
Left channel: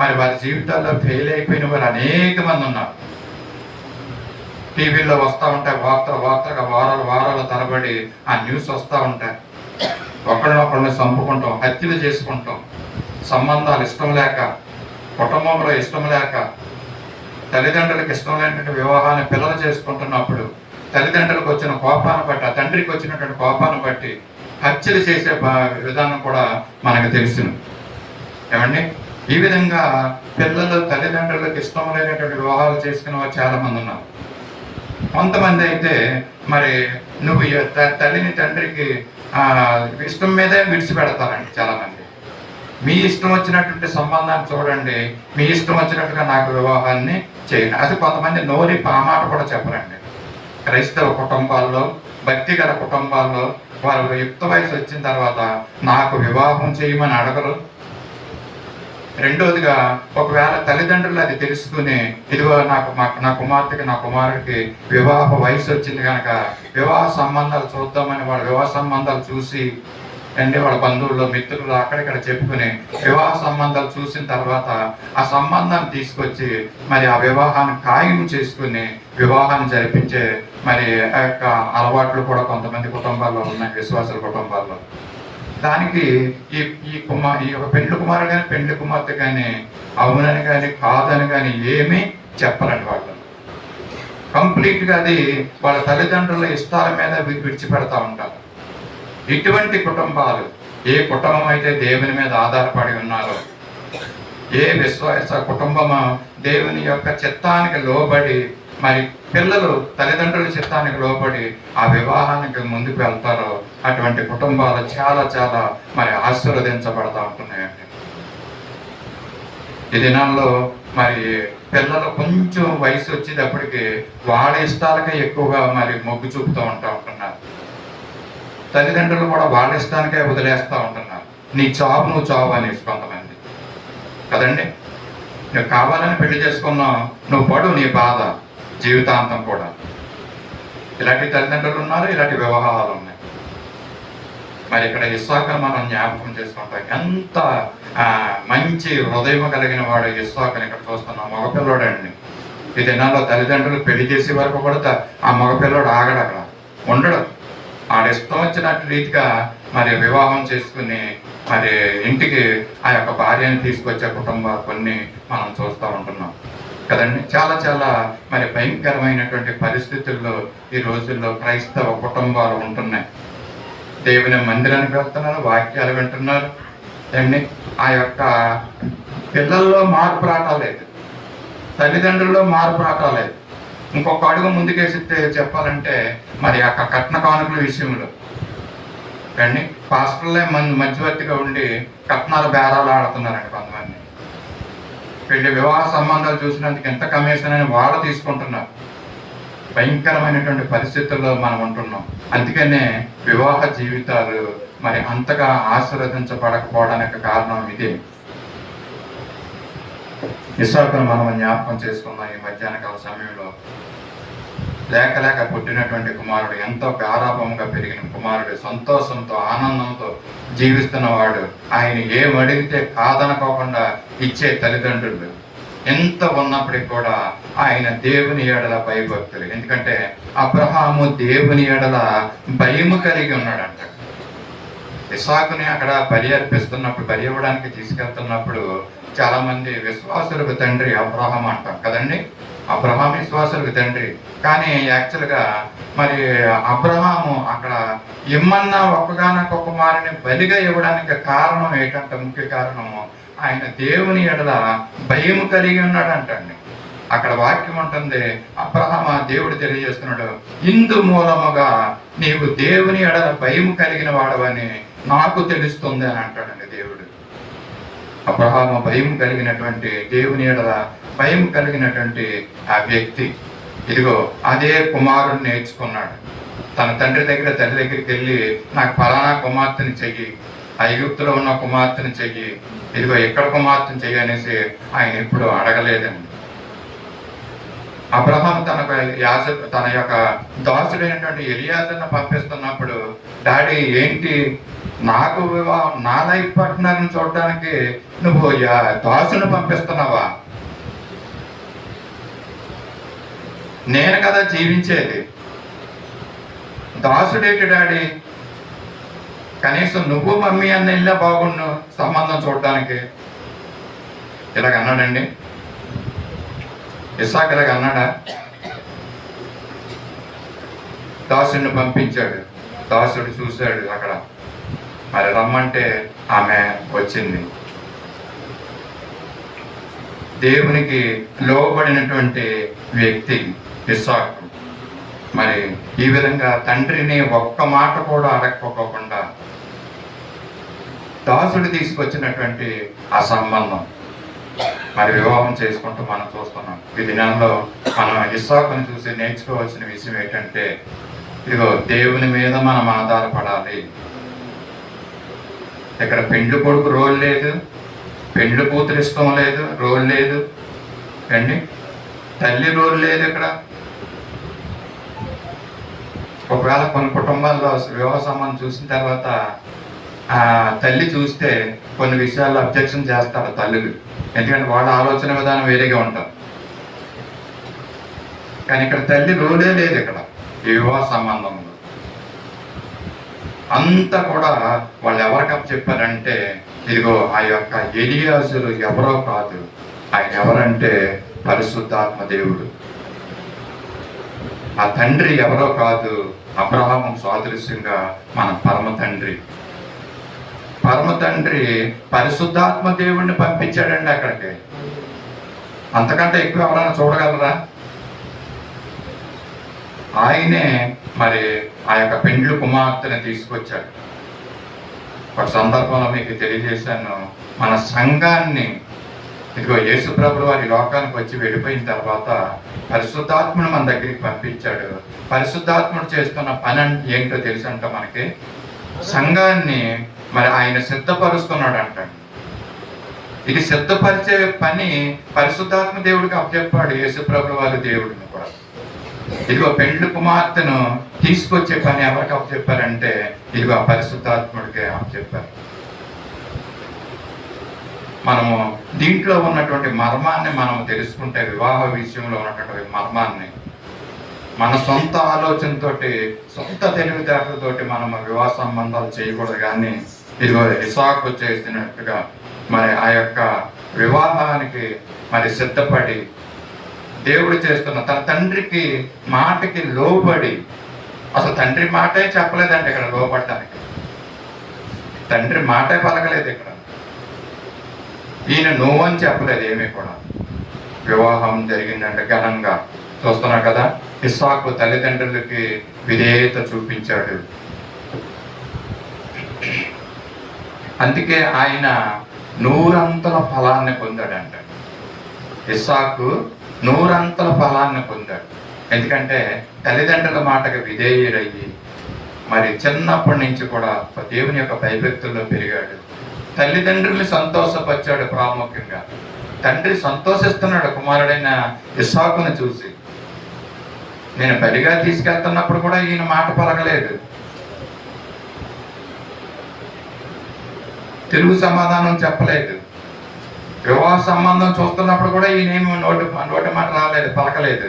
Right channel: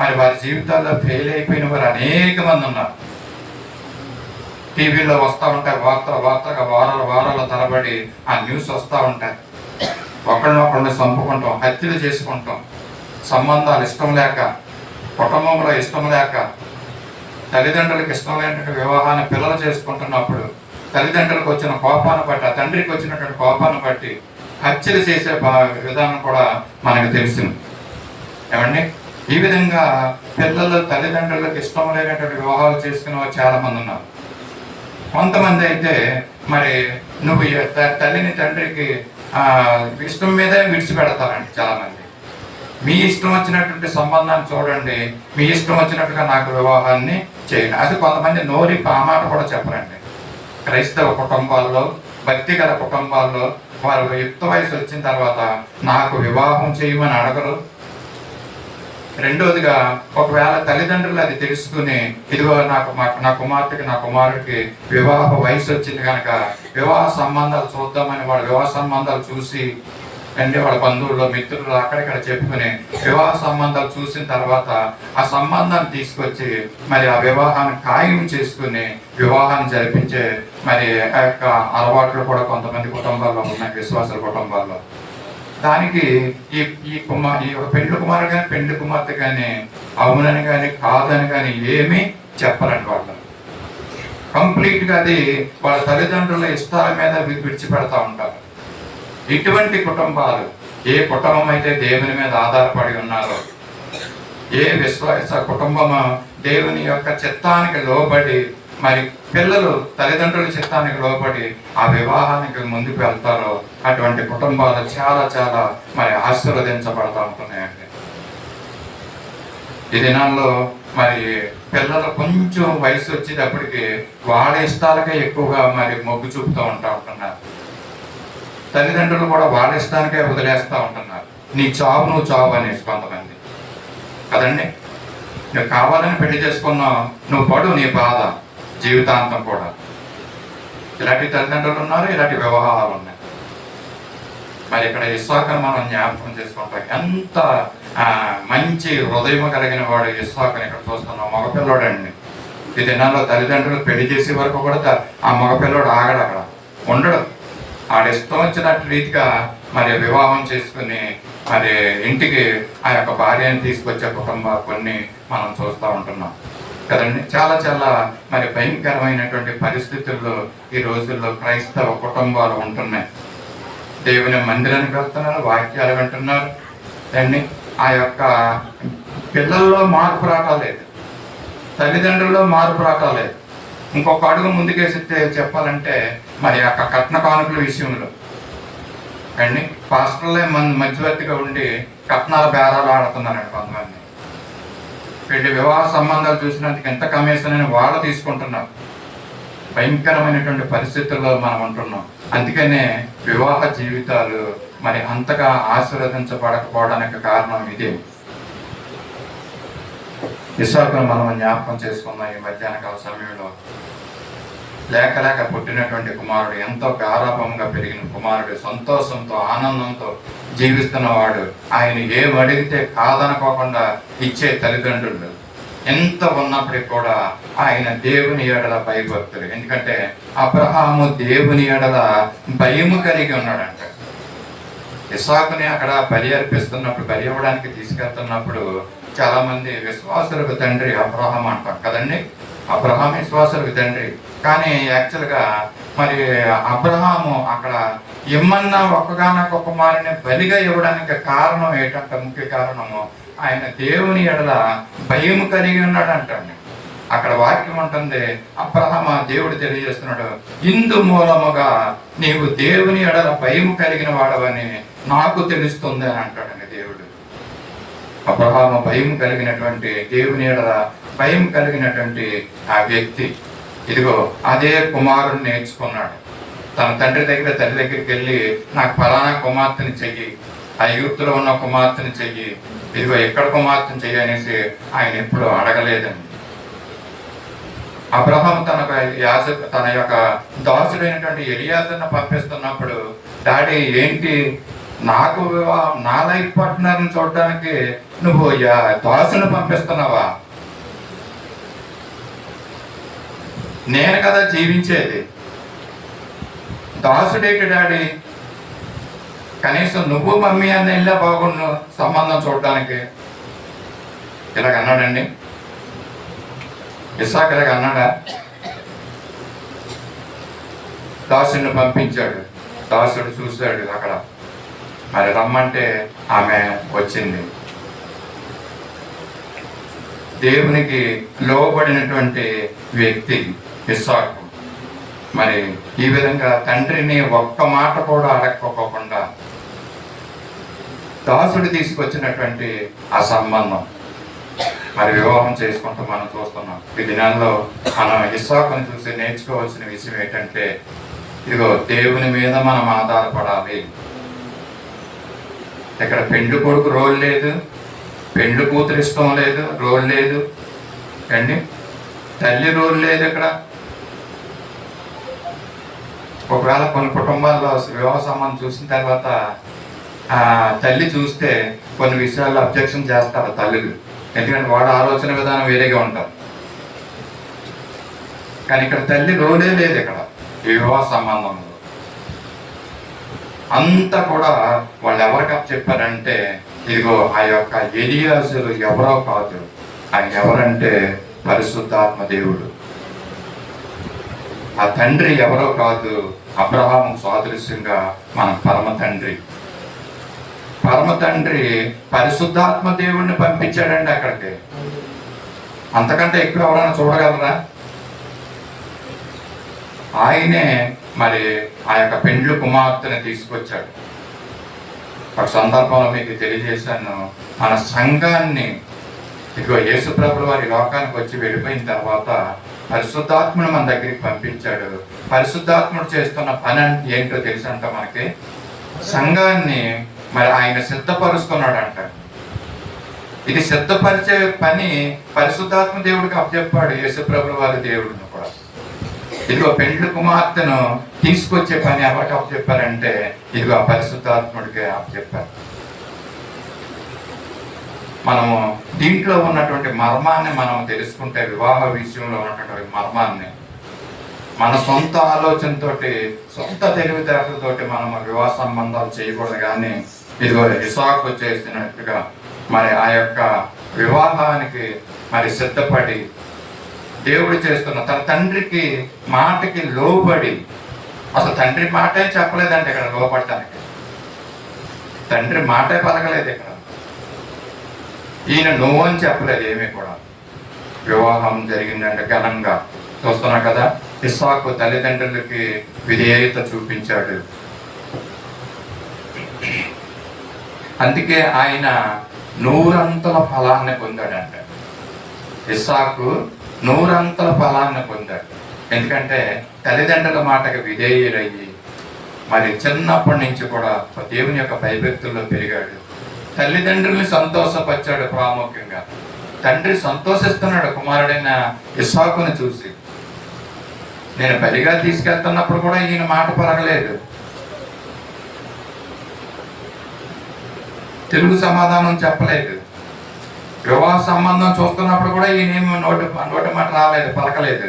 మరి వారి జీవితాల్లో ఫెయిల్ అయిపోయిన వారు అనేక మంది ఉన్నారు. టీవీలో వస్తూ ఉంటాయి వార్తగా వారాల తరబడి ఆ న్యూస్ వస్తూ ఉంటాయి. ఒకరినొకరిని చంపుకుంటాం, హత్యలు చేసుకుంటాం, సంబంధాలు ఇష్టం లేక, కుటుంబంలో ఇష్టం లేక, తల్లిదండ్రులకు ఇష్టం లేనటువంటి వివాహాన్ని పిల్లలు చేసుకుంటున్నప్పుడు తల్లిదండ్రులకు వచ్చిన కోపాన్ని బట్టి, ఆ తండ్రికి వచ్చినటువంటి కోపాన్ని బట్టి హత్యలు చేసే విధానం కూడా మనకు తెలుసును. ఏమండి, ఈ విధంగా పిల్లలు తల్లిదండ్రులకు ఇష్టం లేనటువంటి వివాహాలు చేసుకునే చాలా మంది ఉన్నారు. కొంతమంది అయితే మరి నువ్వు తల్లిని తండ్రికి ఇష్టం మీదే విడిచిపెడతారండి. చాలా మంది మీ ఇష్టం వచ్చినటువంటి సంబంధాన్ని చూడండి, మీ ఇష్టం వచ్చినట్టుగా నాకు వివాహాన్ని చేయండి. అది కొంతమంది నోరి పామాట కూడా చెప్పరండి. క్రైస్తవ కుటుంబాల్లో, భక్తి గల కుటుంబాల్లో వారు యుక్త వయసు వచ్చిన తర్వాత నాకు వివాహం చేయమని అడగరు. రెండోదిగా ఒకవేళ తల్లిదండ్రులు అది తెలుసుకుని ఇదిగో నా కుమార్తెకి నా కుమారుడికి వివాహ వయసు వచ్చింది కనుక వివాహ సంబంధాలు చూద్దామని వాళ్ళు వివాహ సంబంధాలు చూసి వాళ్ళ బంధువుల్లో మిత్రులు అక్కడిక్కడ చెప్పుకుని వివాహ సంబంధాలు చూసిన తర్వాత ఆ సంబంధాన్ని తీసుకొచ్చి మరి ఆ వివాహాన్ని ఖాయం చేసుకుని వివాహాన్ని జరిపించే మరి ఆ యొక్క అలవాట్లు కూడా కొంతమంది కుటుంబాల్లో ఉన్నాయి, విశ్వాసుల కుటుంబాల్లో. దానికి ఈ పెండ్లి కుమారు కానీ పెండ్లి కుమార్తె కానీ అవునని కానీ కాదని కానీ ఏమీ చెప్పరండి. వాళ్ళు కంప్లీట్గా అది వాళ్ళ తల్లిదండ్రుల ఇష్టాల మీద విడిచిపెడతా ఉంటారు. ఇటువంటి కుటుంబాలు, ఏ కుటుంబం అయితే దేవుని మీద ఆధారపడి ఉన్నారో, ఏ విశ్వాస కుటుంబము దేవుని యొక్క చిత్తానికి లోబడి మరి పిల్లలు తల్లిదండ్రుల చిత్తానికి లోబడి ఆ వివాహానికి ముందుకు వెళ్తారో అటువంటి కుటుంబాలు చాలా చాలా మరి ఆశీర్వదించబడతా ఉంటున్నాయండి. ఈ దినాల్లో మరి పిల్లలు కొంచెం వయసు వచ్చేటప్పటికి వాళ్ళ ఇష్టాలకే ఎక్కువగా మరి మొగ్గు చూపుతూ ఉంటున్నారు. తల్లిదండ్రులు కూడా వాళ్ళ ఇష్టానికే వదిలేస్తూ ఉంటున్నారు. నీ చావు నువ్వు చావు అనేసి కొంతమంది కదండి. నువ్వు కావాలని పెళ్లి చేసుకున్నావు, నువ్వు పడు నీ బాధ జీవితాంతం కూడా. ఇలాంటి తల్లిదండ్రులు ఉన్నారు, ఇలాంటి వ్యవహారాలు ఉన్నాయి. మరి ఇక్కడ ఇస్సాకు మనం జ్ఞాపకం చేసుకుంటాం. ఎంత మంచి హృదయం కలిగిన వాడు ఇస్సాకుని ఇక్కడ చూస్తున్నాం. మగపిల్లవాడండి. ఈ దినాల్లో తల్లిదండ్రులు పెళ్లి చేసే వరకు కూడా ఆ మగపిల్లవాడు ఆగడు, అక్కడ ఉండడు. ఆడ ఇష్టం వచ్చినట్టు రీతిగా మరి వివాహం చేసుకుని మరి ఇంటికి ఆ యొక్క భార్యని తీసుకొచ్చే కుటుంబాలు కొన్ని మనం చూస్తూ ఉంటున్నాం కదండి. చాలా చాలా మరి భయంకరమైనటువంటి పరిస్థితుల్లో ఈ రోజుల్లో క్రైస్తవ కుటుంబాలు ఉంటున్నాయి. దేవుని మందిరానికి వెళ్తున్నారు, వాక్యాలు వింటున్నారు అండి. ఆ యొక్క పిల్లల్లో మార్పు రావట్లేదు, తల్లిదండ్రుల్లో మార్పు రావట్లేదు. ఇంకొక అడుగు ముందుకేసి చెప్పాలంటే మరి ఆ కట్న కానుకల విషయంలో అండి పాస్టర్లే మధ్యవర్తిగా ఉండి కట్నాల బేరాలు ఆడుతున్నారండి కొంతమంది. వీళ్ళ వివాహ సంబంధాలు చూసినందుకు ఎంత కమిషన్ అని వాళ్ళు తీసుకుంటున్నారు. భయంకరమైనటువంటి పరిస్థితుల్లో మనం ఉంటున్నాం. అందుకనే వివాహ జీవితాలు మరి అంతగా ఆశీర్వదించబడకపోవడానికి కారణం ఇదే. ఇస్సాకును మనం జ్ఞాపకం చేసుకున్నాం. ఈ మధ్యాహ్నకాల సమయంలో లేక పుట్టినటువంటి కుమారుడు, ఎంతో గారాభంగా పెరిగిన కుమారుడు, సంతోషంతో ఆనందంతో జీవిస్తున్నవాడు, ఆయన ఏం అడిగితే కాదనుకోకుండా ఇచ్చే తల్లిదండ్రులు ఎంత ఉన్నప్పటికీ కూడా ఆయన దేవుని ఎడల భయభక్తులు. ఎందుకంటే అబ్రహాము దేవుని ఎడల భయము కలిగి ఉన్నాడంట. ఇస్సాకుని అక్కడ బలి అర్పిస్తున్నప్పుడు, బలి ఇవ్వడానికి తీసుకెళ్తున్నప్పుడు చాలా మంది విశ్వాసులకు తండ్రి అబ్రహాం అంటారు కదండి. అబ్రహాం విశ్వాసులకు తండ్రి. కానీ యాక్చువల్గా మరి అబ్రహాము అక్కడ ఇమ్మన్నా ఒక్కగానొక్క కుమారుని బలిగా ఇవ్వడానికి కారణం ఏంటంటే, ముఖ్య కారణము ఆయన దేవుని ఎడల భయము కలిగి ఉన్నాడు అంటండి. అక్కడ వాక్యం ఉంటుంది, అబ్రహామ దేవుడు తెలియజేస్తున్నాడు, ఇందు మూలముగా నీవు దేవుని ఎడల భయము కలిగిన వాడవని నాకు తెలుస్తుంది అని అంటాడండి దేవుడు. అబ్రహాము భయం కలిగినటువంటి, దేవుని ఎడల భయం కలిగినటువంటి ఆ వ్యక్తి. ఇదిగో అదే కుమారుడు నేర్చుకున్నాడు. తన తండ్రి దగ్గర, తల్లి దగ్గరికి వెళ్ళి నాకు ఫలానా కుమార్తెని చెయ్యి, ఐగుప్తులో ఉన్న కుమార్తెని చెయ్యి, ఇదిగో ఎక్కడ కుమార్తెని చెయ్యి అనేసి ఆయన ఎప్పుడు అడగలేదండి. అబ్రహాం తన యొక్క దాసుడైనటువంటి ఎలియాజర్ని పంపిస్తున్నప్పుడు, డాడీ ఏంటి నాకు వివాహం, నా లైఫ్ పార్ట్నర్ని చూడడానికి నువ్వు దాసుని పంపిస్తున్నావా? నేను కదా జీవించేది, దాసుడేటి డాడీ? కనీసం నువ్వు మమ్మీ అన్న వెళ్ళా బాగుండు సంబంధం చూడడానికి. ఇలాగ అన్నాడండి ఇస్సాకు. ఇలాగ అన్నాడా? దాసుడిని పంపించాడు. దాసుడు చూశాడు అక్కడ, మరి రమ్మంటే ఆమె వచ్చింది. దేవునికి లోబడినటువంటి వ్యక్తి ఇస్సాకు. మరి ఈ విధంగా తండ్రిని ఒక్క మాట కూడా అడగకపోకుండా దాసుడు తీసుకొచ్చినటువంటి ఆ సంబంధం మరి వివాహం చేసుకుంటూ మనం చూస్తున్నాం. ఈ దినాల్లో మనం ఇస్సాకుని చూసి నేర్చుకోవాల్సిన విషయం ఏంటంటే, ఇదిగో దేవుని మీద మనం ఆధారపడాలి. ఇక్కడ పెండ్లి కొడుకు రోల్ లేదు, పెండ్లి కూతురు ఇష్టం లేదు, రోల్ లేదు అండి, తల్లి రోల్ లేదు. ఇక్కడ ఒకవేళ కొన్ని కుటుంబాల్లో వివాహ సంబంధం చూసిన తర్వాత ఆ తల్లి చూస్తే కొన్ని విషయాల్లో అబ్జెక్షన్ చేస్తారు తల్లులు, ఎందుకంటే వాళ్ళ ఆలోచన విధానం వేరేగా ఉంటారు. కానీ ఇక్కడ తల్లి రోలే లేదు. ఇక్కడ ఈ వివాహ సంబంధంలో అంతా కూడా వాళ్ళు ఎవరికి చెప్పారంటే, ఇదిగో ఆ యొక్క ఎలియాజరు ఎవరో కాదు, ఆయన ఎవరంటే పరిశుద్ధాత్మ దేవుడు. ఆ తండ్రి ఎవరో కాదు, అబ్రహాము సాదృశ్యంగా మన పరమ తండ్రి. పరమ తండ్రి పరిశుద్ధాత్మ దేవుడిని పంపించాడండి అక్కడికి. అంతకంటే ఎక్కువ ఎవరైనా చూడగలరా? ఆయనే మరి ఆ యొక్క పెండ్లి కుమార్తెని తీసుకొచ్చాడు. ఒక సందర్భంలో మీకు తెలియజేశాను, మన సంఘాన్ని ఇదిగో యేసు ప్రభువు వారి లోకానికి వచ్చి వెళ్ళిపోయిన తర్వాత పరిశుద్ధాత్మను మన దగ్గరికి పంపించాడు. పరిశుద్ధాత్ముడు చేస్తున్న పని ఏంటో తెలుసు అంట మనకి, సంఘాన్ని మరి ఆయన సిద్ధపరుస్తున్నాడు అంట. ఇది సిద్ధపరిచే పని పరిశుద్ధాత్మ దేవుడికి అప్పచెప్పాడు యేసు ప్రభువు వారి దేవుడిని కూడా. ఇదిగో పెండ్లి కుమార్తెను తీసుకొచ్చే పని ఎవరికి అప్పచెప్పారంటే, ఇదిగో పరిశుద్ధాత్ముడికి అప్పచెప్పారు. మనము దీంట్లో ఉన్నటువంటి మర్మాన్ని మనం తెలుసుకుంటే, వివాహ విషయంలో ఉన్నటువంటి మర్మాన్ని మన సొంత ఆలోచనతోటి, సొంత తెలివితేటలతోటి మనం వివాహ సంబంధాలు చేయకూడదు. కానీ ఇదిగో ఇస్సాకు చేసినట్టుగా మరి ఆ యొక్క వివాహానికి మరి సిద్ధపడి దేవుడు చేస్తున్న తన తండ్రికి మాటకి లోబడి, అసలు తండ్రి మాటే చెప్పలేదంటే ఇక్కడ లోపడటానికి, తండ్రి మాటే పలకలేదు ఇక్కడ. ఈయన నువ్వు అని చెప్పలేదు ఏమీ కూడా. వివాహం జరిగిందంటే ఘనంగా చూస్తున్నా కదా. ఇస్సాకు తల్లిదండ్రులకి విధేయత చూపించాడు. అందుకే ఆయన 100 అంతల ఫలాన్ని పొందాడంట. ఇస్సాకు 100 అంతల ఫలాన్ని పొందాడు. ఎందుకంటే తల్లిదండ్రుల మాటకు విధేయుడయ్యి మరి చిన్నప్పటి నుంచి కూడా దేవుని యొక్క భయభక్తుల్లో పెరిగాడు. తల్లిదండ్రుల్ని సంతోషపరిచాడు. ప్రాముఖ్యంగా తండ్రి సంతోషిస్తున్నాడు కుమారుడైన ఇస్సాకుని చూసి. నేను బలిగా తీసుకెళ్తున్నప్పుడు కూడా ఈయన మాట పలకలేదు, తెలుగు సమాధానం చెప్పలేదు. వివాహ సంబంధం చూస్తున్నప్పుడు కూడా ఈయనేమో నోటి మాట రాలేదు, పలకలేదు.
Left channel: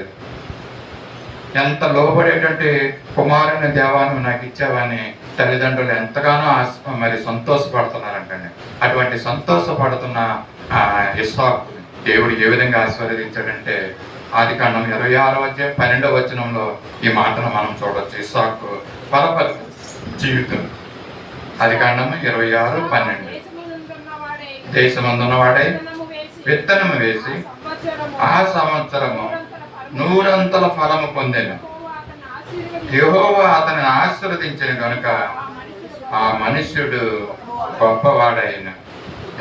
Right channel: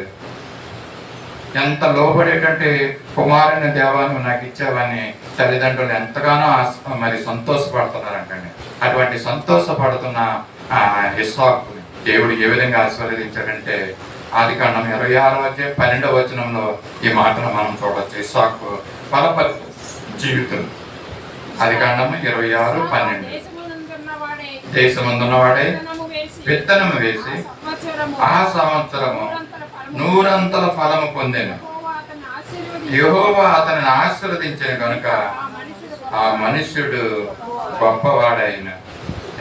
ఎంత లోబడేటువంటి కుమారుని దేవాన్ని నాకు ఇచ్చావని తల్లిదండ్రులు ఎంతగానో మరి సంతోషపడుతున్నారంటండి. అటువంటి సంతోషపడుతున్న ఇస్సాకు దేవుడు ఏ విధంగా ఆశీర్వదించాడంటే ఆదికాండం 26:12 వచనంలో ఈ మాటను మనం చూడవచ్చు. ఇస్సాకు పరపతి జీవితం. ఆదికాండం 26:12 దేశమందున్న వాడై విత్తనము వేసి ఆ సంవత్సరము 100 అంతల ఫలము పొందెను. యెహోవా అతన్ని ఆశీర్వదించిన కనుక ఆ మనుష్యుడు గొప్పవాడైన.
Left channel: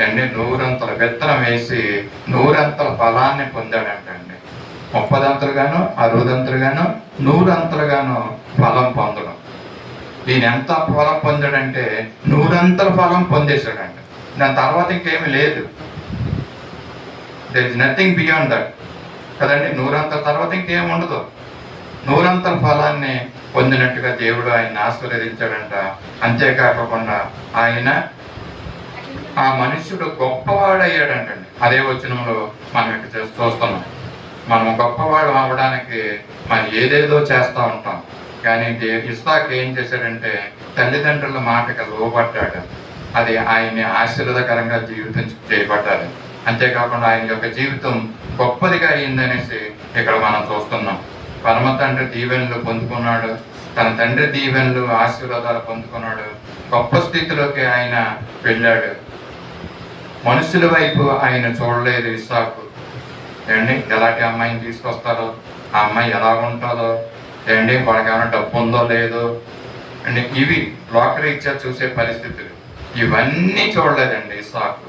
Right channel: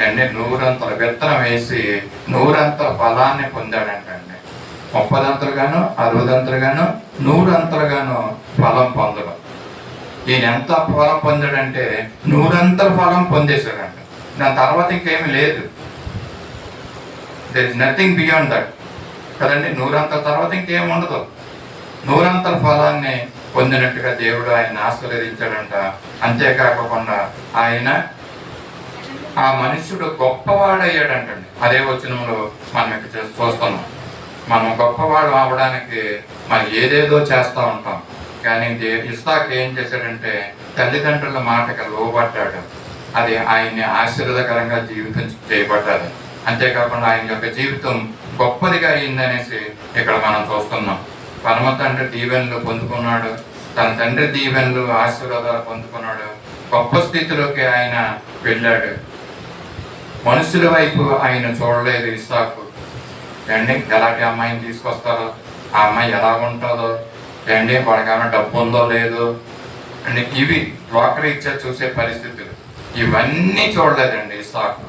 అండి 100 అంతల విత్తనం వేసి 100 అంతల ఫలాన్ని పొందాడంటండి. 30 అంతలుగాను 60 అంతలుగాను 100 అంతలుగాను ఫలం పొందడం. ఈయన ఎంత ఫలం పొందాడంటే 100 అంతల ఫలం పొందేశాడంట. దాని తర్వాత ఇంకేమి లేదు. There is nothing beyond that కదండి. 100 అంతల తర్వాత ఇంకేం ఉండదు. 100 అంతల ఫలాన్ని పొందినట్టుగా దేవుడు ఆయన ఆశీర్వదించాడంట. అంతేకాకుండా ఆయన ఆ మనుషుడు గొప్పవాడయ్యాడంటండి. అదే వచనంలో మనం చూస్తున్నాం. మనం గొప్పవాడు అవ్వడానికి మనం ఏదేదో చేస్తూ ఉంటాం. కానీ ఇస్సాకు ఏం చేశాడంటే తల్లిదండ్రుల మాటకి లోబడ్డాడు. అది ఆయన్ని ఆశీర్వాదకరంగా జీవితం చేయబడ్డాది. అంతేకాకుండా ఆయన యొక్క జీవితం గొప్పదిగా అయిందనేసి ఇక్కడ మనం చూస్తున్నాం. పరమ తండ్రి దీవెనలు పొందుకున్నాడు, తన తండ్రి దీవెనలు ఆశీర్వాదాలు పొందుకున్నాడు. గొప్ప స్థితిలోకి ఆయన వెళ్ళాడు. మనుషుల వైపు ఆయన చూడలేదు ఇస్సాకు. ఏమండి ఎలాంటి అమ్మాయిని తీసుకొస్తారో, ఆ అమ్మాయి ఎలా ఉంటుందో, ఏమండి వాడికి ఏమైనా డబ్బు ఉందో లేదో అండి, ఇవి లోకరీత్యా చూసే పరిస్థితులు ఇవన్నీ చూడలేదండి ఇస్సాకు.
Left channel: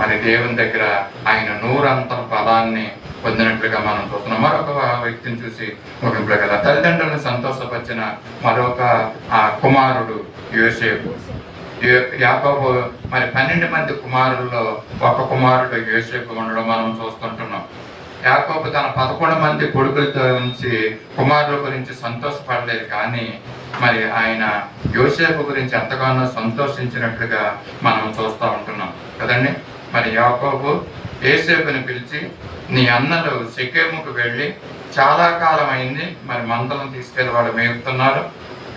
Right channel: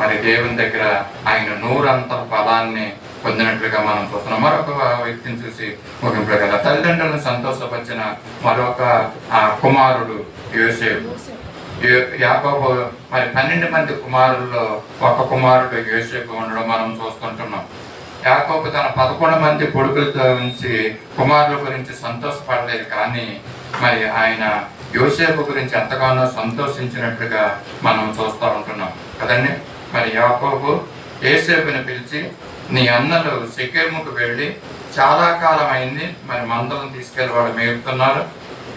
మరి దేవుని దగ్గర ఆయన 100 అంతల ఫలాన్ని పొందినట్లుగా మనం చూస్తున్నాం. మరొక వ్యక్తిని చూసి ముగింపుగా కదా తల్లిదండ్రులను సంతోషపరిచిన మరొక కుమారుడు యోసేపు. యాకోబు మరి 12 మంది కుమారుల్లో ఒక కుమారుడు యోసేపు ఉండడం మనం చూస్తుంటున్నాం. యాకోబు తన 11 మంది కొడుకులతో నుంచి కుమారుల గురించి సంతోషపడలేదు, కానీ మరి ఆయన యోసేపు గురించి ఎంతగానో సంతోషించినట్లుగా మనం చూస్తూ ఉంటున్నాం కదండి. మరి యాకోబు యోసేపుని పిలిచి, నీ అన్నలు షెకెముకు వెళ్ళి చాలా కాలం అయింది, మరి మందలను తీసుకెళ్ళి వాళ్ళు మేపుతున్నారు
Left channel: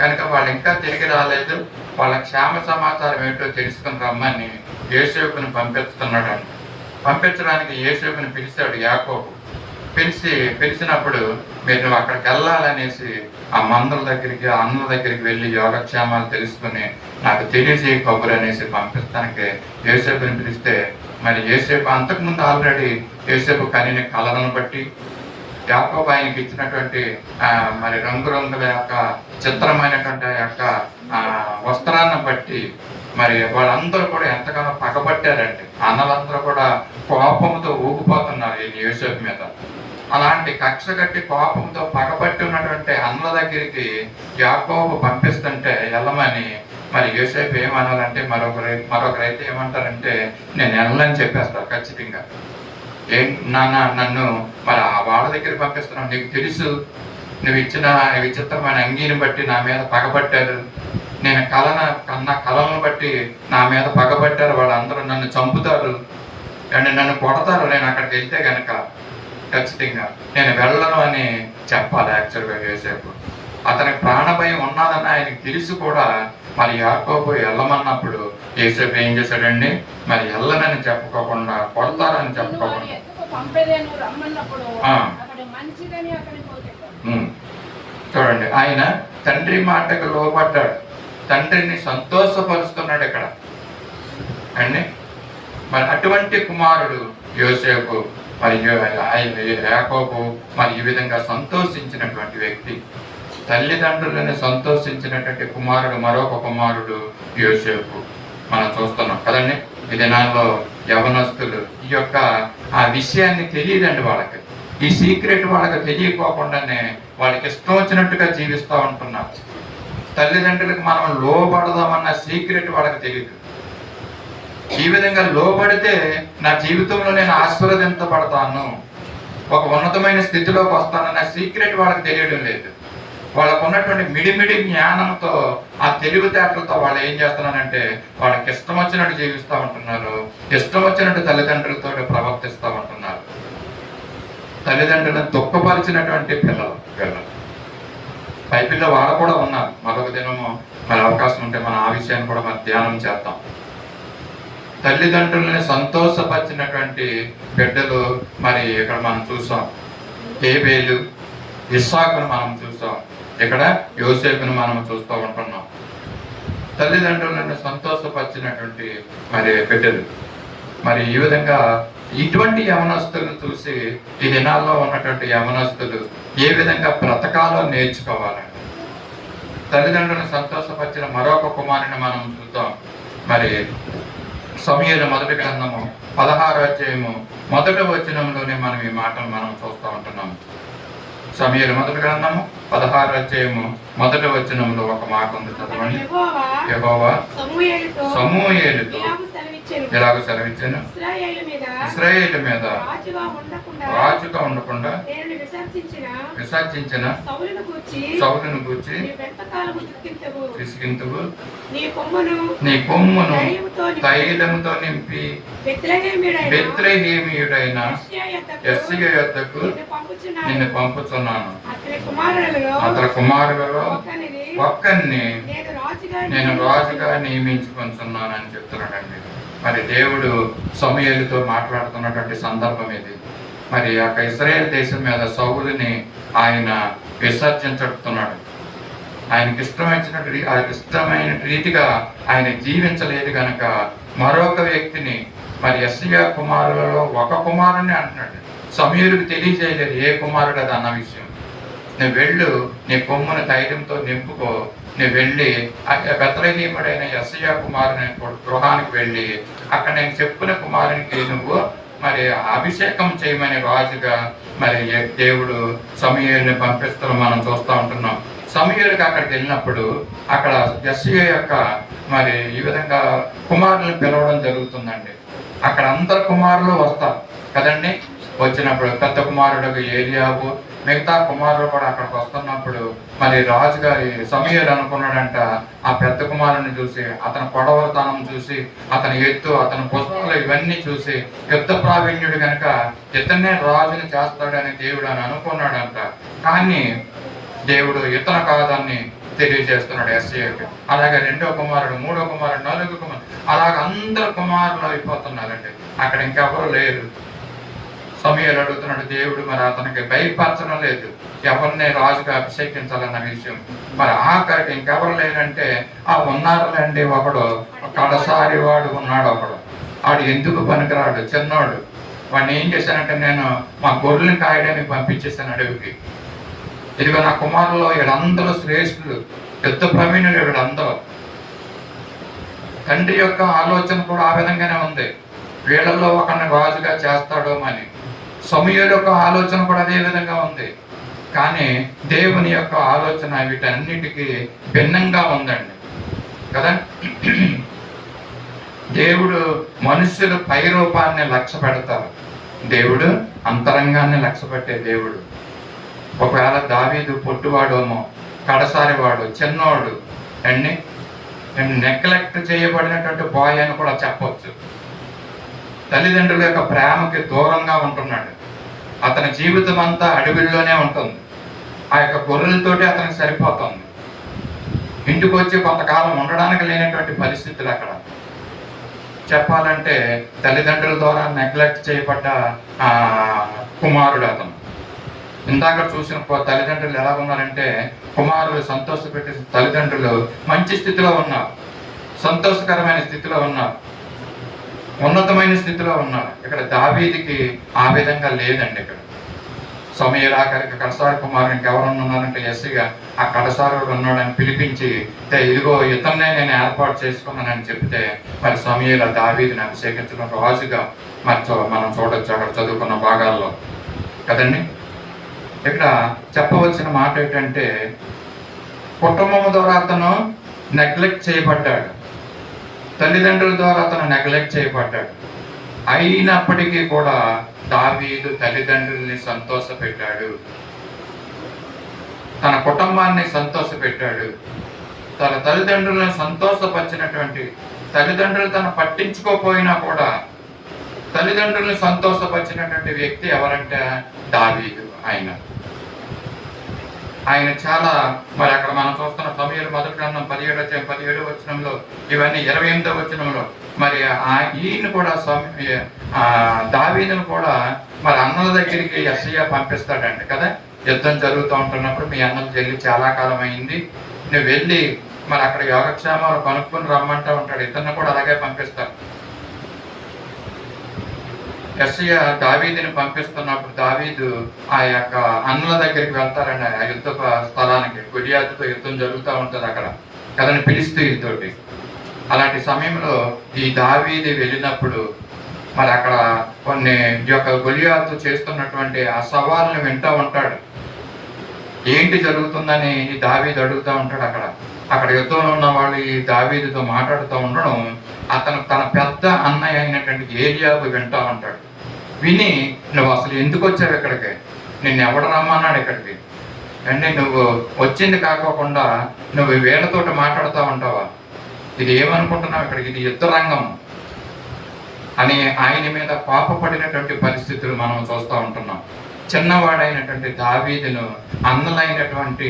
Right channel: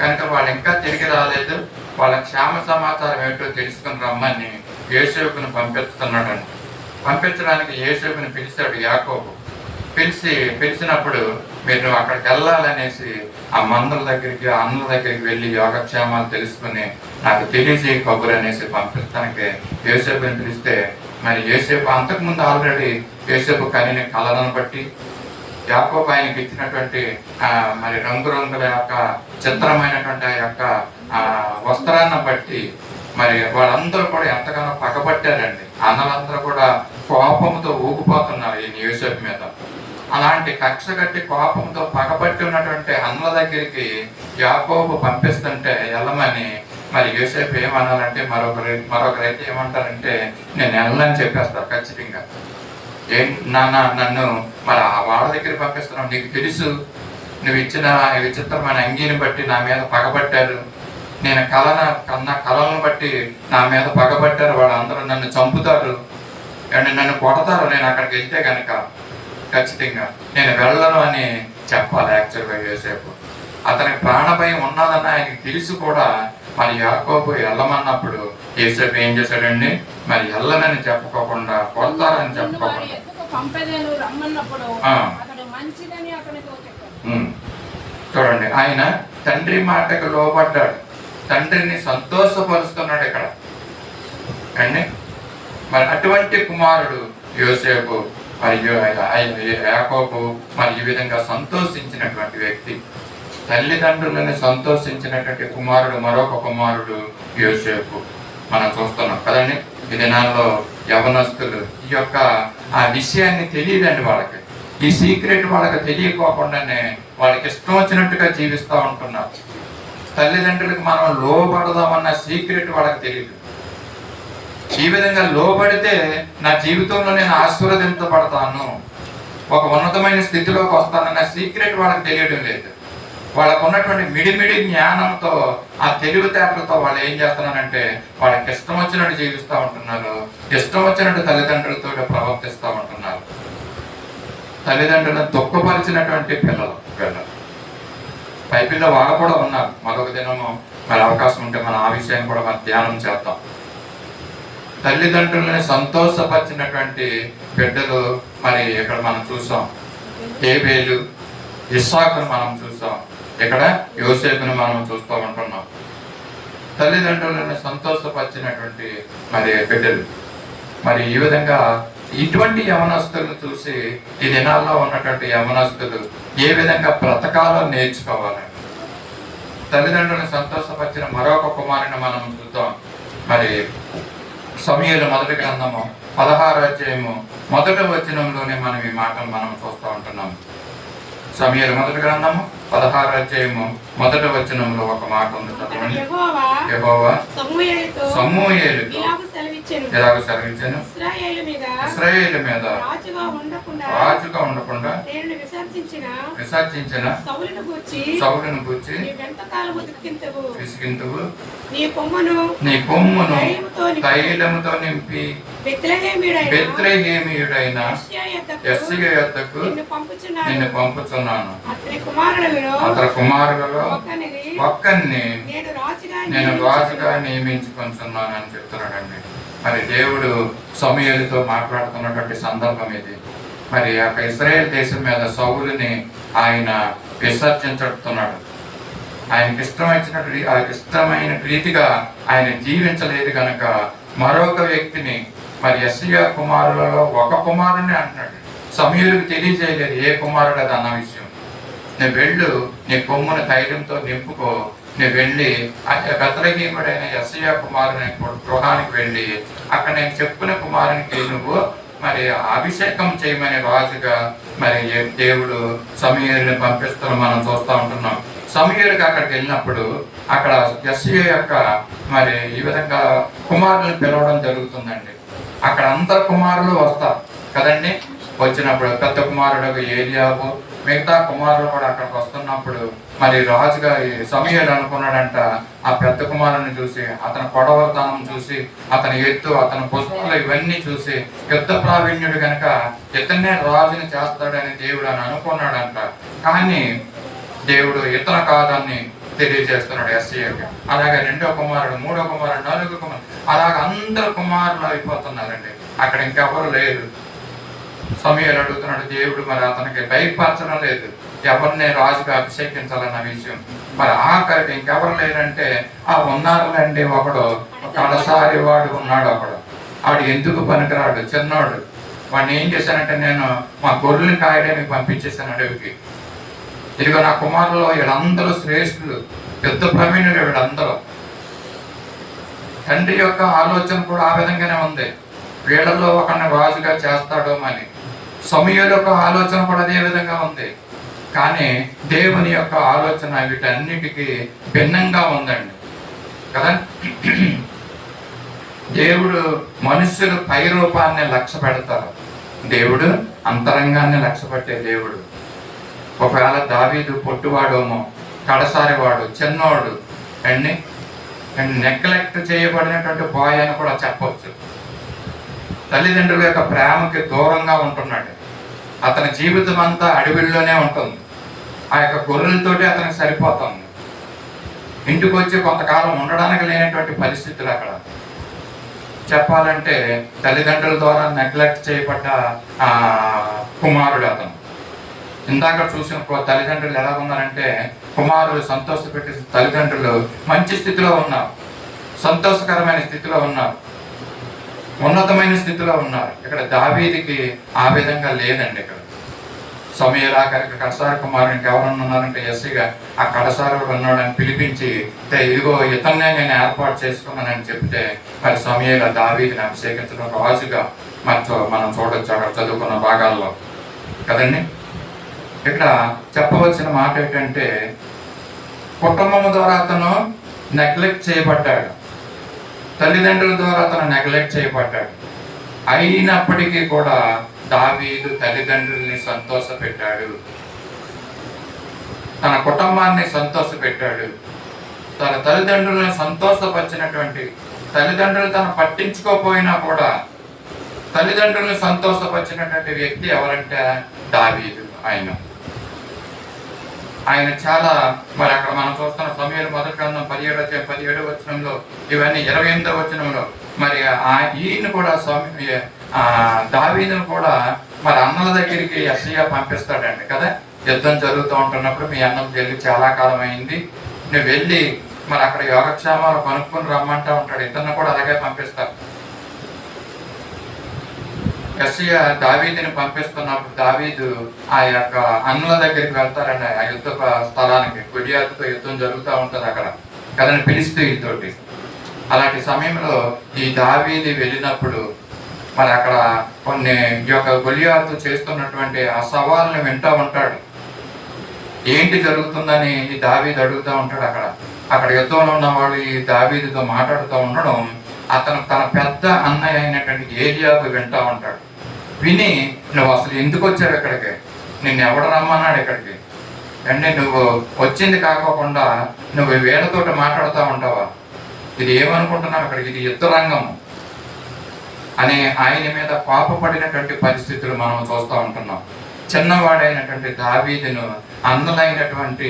కనుక వాళ్ళు ఇంకా తిరిగి రాలేదు, వాళ్ళ క్షేమ సమాచారం ఏంటో తెలుసుకుని రమ్మని యోసేపుని పంపిస్తున్నాడు. పంపించడానికి యోసేపుని పిలిచాడు యాకోబు. పిలిచినప్పుడు మీరు అక్కడికి వెళ్ళాలనేసి ఆ మందల దగ్గరికి ఆ అన్నల దగ్గరికి వెళ్ళి యోగక్షేమాలు తెలుసుకుని నాకు తెలియజేయ కబురు అనేసి పంపిస్తానికి యోసేపుని పిలిస్తే, మరి యోసేపు అంతకుముందు ఆల్రెడీ యోసేపు కనిన కళలను బట్టి యాకోబు ఆయనకి ఇచ్చినటువంటి మరి రంగురంగుల యొక్క చిత్రమైనటువంటి ఆ యొక్క వస్త్రాన్ని బట్టి మరి వాళ్ళందరూ కూడా ఎంతగానో పగబట్టారండి. అన్నలందరూ కూడా కోపంతో ఊగిపోతున్నారు ఈ యోసేపు మీద. అలాంటి కక్ష కట్టి కోపంతో పగబట్టి ఉన్నటువంటి అన్నల దగ్గరికి యాకోబు పంపిస్తుంటే వెళ్ళమని మరి యోసేపు ఏమనాలంటే మరొకరైతే ఏమంటారంటే నేను వెళ్ళని చెప్పేస్తారు ఖచ్చితంగా. నాన్న నన్ను మరి ఆ వాళ్ళ దగ్గర పంపిస్తున్నావు, నీకు తెలుసు నువ్వు ఇచ్చిన విచిత్రమైన అంగీని బట్టి నా మీద పగబట్టారు, నేను కళలను బట్టి నా మీద పగబట్టారు, వాళ్ళందరూ నన్ను చంపుతారు అండ్ నన్ను కొడతారు, నేను అక్కడికి వెళ్తే కనుక ఖచ్చితంగా నేను వెళ్ళను అని చెప్పాలి యాక్చువల్గా యోసేపు. అతని ప్రాణభయం ఉన్నదని ఆయనకి తెలిసి కూడా మరి యాకోబు వెళ్ళమన్నప్పుడు యోసేపు ఏం చేశాడండి? మరి వెళ్ళనని చెప్పుకోకుండా, కొడతారని చెప్పుకోకుండా చూడండి, ఆయన తండ్రి మాటకు లోబడ్డాడు, తండ్రిని సంతోషపరుస్తున్నాడు ఇక్కడ అండి. మరి అటువంటి కుమారుడు యోసేపు మరియు యాకోబు మరి ఈ విధంగా సంతోషించినటువంటి వ్యక్తి, తల్లిదండ్రులను సంతోషించినటువంటి కుమారుడు మరొక కుమారుడు యోసేపు మనం చూస్తున్నాం కదండి. ఈ దినాల్లో యవనస్తులు ఈ యొక్క ఆ విషయాన్ని తెలియదండి వాళ్ళకి, ఈ సీక్రెట్ వాళ్ళకి తెలియకోకుండానే వాళ్ళకి ఇష్టం వచ్చినట్టుగా జీవిస్తూ ఉంటున్నారు. తల్లిదండ్రులకు మనం లోబడదామన్న సీక్రెట్ వాళ్ళకి తెలియదు. ఈ విధంగా లోబడితే నా జీవితంలో నేను ఆశీర్వదించబడతాను, ఒక ఉన్నతమైన స్థితిలోకి వస్తానన్న సీక్రెట్ వాళ్ళకి తెలియడం లేదు. వాళ్ళకు ఉన్నటువంటి మిడిమిడి జ్ఞానంతో, ఆ తెలివితేటలతో వాళ్ళు ఏం చేస్తున్నారంటే వాళ్ళకి ఇష్టం వచ్చినట్టు జీవిస్తూ ఉంటున్నారు, ఇష్టం వచ్చినట్టు తల్లిదండ్రులతో ప్రవర్తిస్తూ ఉంటున్నారు. తల్లిదండ్రులను దుఃఖపరిచినటువంటి పిల్లలు బైబిల్లో వాళ్ళు కూడా ఉన్నారు. మరొక దినము మరి అవకాశం ఉంటే మనం ఆ విషయాన్ని కూడా మనం ధ్యానం చేద్దాం. తల్లిదండ్రులని సంతోషపరిచినటువంటి బిడ్డలు మరి ఇక్కడ మనం చూసాం. హేబేలు, ఇస్సాకును మనం చూసాం, ఇక్కడ యోసేపును మనం చూస్తూ ఉంటున్నాం. తల్లిదండ్రులను సంతోషపరిచినటువంటి మరి బిడ్డలు. మరి ఈ విధంగా ఇటువంటి యవనస్తులను చూసి ఈ దినాల్లో ఉన్నటువంటి యవనస్తులు ఏ విధంగా బ్రతకాలో నేర్చుకోవాలండి. తల్లిదండ్రులను సంతోషపరిచిన మరొక కుమారుని మనం చూద్దాం. మరి సమూయేలు మొదటి గ్రంథము 16వ అధ్యాయము 1వ వచనంలోనే మనం ఈ మాటను మనం చూస్తూ ఉంటున్నాము. సమూయేలు మొదటి గ్రంథము 16వ అధ్యాయము 1వ వచనంలో ఒక మాట ఉంది, చదవండి. యెహోవా సమూయేలుతో ఎలాగో సెలవిచ్చాను, ఇశ్రాయేలు మీద రాజుగా ఉండకుండా విసర్జించిన సౌలును గూర్చి విసిగింతువు, నీ కొమ్మును తైలముతో నింపి బెత్లెహేమీయుడైన యెష్షయి యొద్దకు నిన్ను పంపుచున్నాను. అతని కుమారులలో ఒక్కరిని నేను రాజుగా నియమించుకుంటున్నాను అని చెప్తున్నాడండి. మరి దేవుడు సమూయేలుతో మాట్లాడుతున్నటువంటి సందర్భం ఇది. మరి ఆ ఇశ్రాయేల్ దేశం మీద సౌలుని ఆయన విసర్జించుతున్నాడు. ఆయనకి ఇష్టమైన రీతిగా ఆయన జీవించలేదు కనుక మరొక వ్యక్తిని, మరి యెష్షయి కుమారులలో ఒక కుమారుని అంటున్నాడు. సమూయేలుకు తెలియజేయలేదు ఏ కుమారుడు అది అన్న విషయం. నువ్వు వెళ్ళు, నీ కొమ్మును తైలంతో నింపుకో, నువ్వు వెళ్ళి బెత్లెహేమీయుడైన యెష్షయి కుమారుని గృహానికి వెళ్ళి అక్కడ నేను చెప్పిన కుమారునికి నువ్వు మరి అభిషేకం చేయమని రాజుగా మరి దేవుడు సమూయేలుని పంపిస్తూ మనం చూస్తూ ఉంటున్నాం. సమూయేలుకి అక్కడికి వెళ్ళినప్పుడు అక్కడ యెష్షయి యొక్క మరి ఈ విధంగా కుమారులను పిలవడం జరుగుతుందండి. అక్కడ అందరు కుమారులు వస్తారు కదండి. వచ్చినప్పుడు పెద్ద కుమారుడు ఏలీయాబు, మిగతా కుమారులు కూడా అక్కడికి వస్తున్నప్పుడు మరి రాజుగారి సమూయేలు అనుకున్నాడంట, ఆ పెద్ద కుమారుని చూసి, అతని పొడవతనం చూసి, అతని ఎత్తు, అతని పుస్తకాలు ఇవన్నీ చూసి యుద్ధ ప్రావీణ్యుడు కనుక ఇతన్నే రాజుని చేస్తాడని దేవుడు అని అనుకున్నాడంట. కానీ దేవుడు ఇతను కాదని తెలియజేస్తున్నాడు యెష్షయికి. అలాగే 2వ కుమారుడు, 3వ కుమారుడు, 4వ కుమారుడు, అలాగే అందరు కుమారులు అయిపోతున్నారండి. అక్కడ ఇంకెవరు లేరు. సమూయేలు అడుగుతున్నాడు, దేవుడు మరి అతనికి భయపరచడం లేదు ఎవరిని రాజుగా అభిషేకించాలన్న విషయం. మరి ఆఖరికి ఇంకెవరు లేరంటే ఆ ఉన్నారులేండి, ఒకడు కడసారి వాడు ఉన్నాడు. ఆడు ఎందుకు పనికిరాడు, చిన్నవాడు. వాడిని ఏం చేశానంటే నేను మా గొర్రెలను కాయడానికి పంపించేసాను అడవికి. ఇదిగో నా కుమారుల్లో వీళ్ళందరూ శ్రేష్ఠులు, యుద్ధ ప్రవీణులు వీళ్ళందరూ. తండ్రి యొక్క ఆలోచన కూడా ఆ విధంగానే ఉంది, వీళ్ళలో ఒకరిని రాజుగా చేస్తాడో అని. సమూయేలు యొక్క ఆలోచన కూడా అదే విధంగా ఉంది. కానీ దేవుని యొక్క ఆలోచన వీటన్నిటికీ భిన్నంగా ఉందండి కదా. దేవుడు మనుషులు పై రూపాన్ని లక్ష్య పెడతారు, దేవుడు అంతరంగాన్ని లక్ష్య పెట్టే దేవుడు. ఒకవేళ దావీదు పొట్టువాడేమో, కడసారివాడు, చిన్నోడు అండి, నెగ్లెక్ట్ చేయబడినటువంటి బాయ్ అని కూడా చెప్పవచ్చు. తల్లిదండ్రుల యొక్క ప్రేమకి దూరంగా ఉంటున్నాడు. అతని జీవితం అంతా అడవిలోనే ఉంటుంది. ఆ యొక్క గొర్రెలతోటి అతనికి సరిపోతుంది. ఇంటికి వచ్చి కొంతకాలం ఉండడానికి లేనటువంటి పరిస్థితులు అక్కడ. చెప్పాలంటే తల్లిదండ్రుల ద్వారా నెగ్లెక్ట్ చేయబడ్డ కుమారుడు అతను. ఇందాక చూసిన తల్లిదండ్రులు ఎలా ఉన్నారంటే, కుమారులు సంతోషపెట్టే తల్లిదండ్రులు మంచి స్థితిలో ఉన్నారు, సంతోషకరమైన స్థితిలో ఉన్నారు, ఉన్నతమైన స్థితిలో ఉన్నారు. ఇక్కడ దావీదుకి ఆ విధంగా లేదండి. ఇక్కడ సమయల్ ఆఖరికి కడసారి కుమారునికి ఎవరన్నా ఉన్నారంటే ఎస్సీగా ఆ కడసారుడు ఉన్నాడని పిలిపించి, ఇదిగో ఇతన్నే నేను ఏర్పాటు చేసుకున్నానని చెప్తే, మరి సమయల్ దావీదుని అభిషేకించడం రాజుగా మనం చూడొచ్చు అక్కడ చదువుకున్న భాగాల్లో కదండి. ఇక్కడ చెప్పవలసిన మాట ఏంటంటే, కుటుంబం ద్వారా అతను నెగ్లెక్ట్ చేయబడ్డాడు, తల్లిదండ్రుల ద్వారా అతను నెగ్లెక్ట్ చేయబడ్డాడు. అయినప్పటికీ కూడా దావీదు తల్లిదండ్రుల్ని సంతోషపెట్టాడు, తన కుటుంబాన్ని సంతోషపెట్టాడు. తన తల్లిదండ్రులను సంతోషపరిచినటువంటి, తల్లిదండ్రులు తను పట్టించుకోపోయినా కూడా తల్లిదండ్రులను సంతోషపరిచినటువంటి వ్యక్తి ఎవరంటే దావీదు. ఆయన చాలా, మరి అక్కడ మనం చూస్తున్న సమయంలో మొదటి గ్రంథం 17వ వచనంలో, ఇవన్నీ 28వ వచనంలో, మరి ఈయన కూడా దావీదును కూడా మరి అన్నల దగ్గరికి యెషయా పంపిస్తాడండి కదా. యుద్ధం జరుగుతూ ఉంటున్నప్పుడు, మీ అన్నకు వెళ్ళి చాలా కాలం అయింది, నువ్వు వెళ్ళి మరి అక్కడ యోగక్షేమాలు కనుక్కొని రమ్మంటా ఉంటాడు. ఇతన్ని కూడా అలాగే పంపిస్తాడు. యెషయా దావీదుని పంపిస్తున్నప్పుడు దావీదు ఆ యొక్క అన్నల దగ్గరికి వెళ్తారండి, ఆ యుద్ధ స్థలానికి. గొలియాతుతో యుద్ధం జరుగుతూ ఉంటుంది అక్కడ కదని ఫిలిష్తీయులతోటి. అలాంటి సమయంలో ఈ దావీదు వెళ్ళినప్పుడు మరి అక్కడ కొన్ని యొక్క గొలియాతు చేస్తున్నటువంటి ఆ సవాళ్ళను వింటూ ఉంటాడు. ఏంటి జరుగుతుందని ఈ దావీదు అడుగుతూ ఉంటాడు. అక్కడ యుద్ధంలో ఉన్న వాళ్ళు ఈ దావీదుతో మాట్లాడుతూ ఉండడం అతను తన పెద్ద అన్నయ్య అయినటువంటి ఏలియాబు వింటూ ఉంటాడు. విని, నువ్వు అసలు ఎందుకు వచ్చావు ఇక్కడికి, నిన్ను ఎవడు రమ్మన్నాడు ఇక్కడికి, అంటే నువ్వు వచ్చింది కాకోకుండా నువ్వు వీళ్ళతోటి మాట్లాడుతూ ఉంటావా, ఇది ఏమనుకుంటున్నావు ఇక్కడికి, ఇది యుద్ధ రంగం అని ఆయన మీద కోపపడినటువంటి పరిస్థితులు మనం చూస్తూ ఉంటున్నాం. చిన్నవాడైనటువంటి దావీదును అన్నలైనటువంటి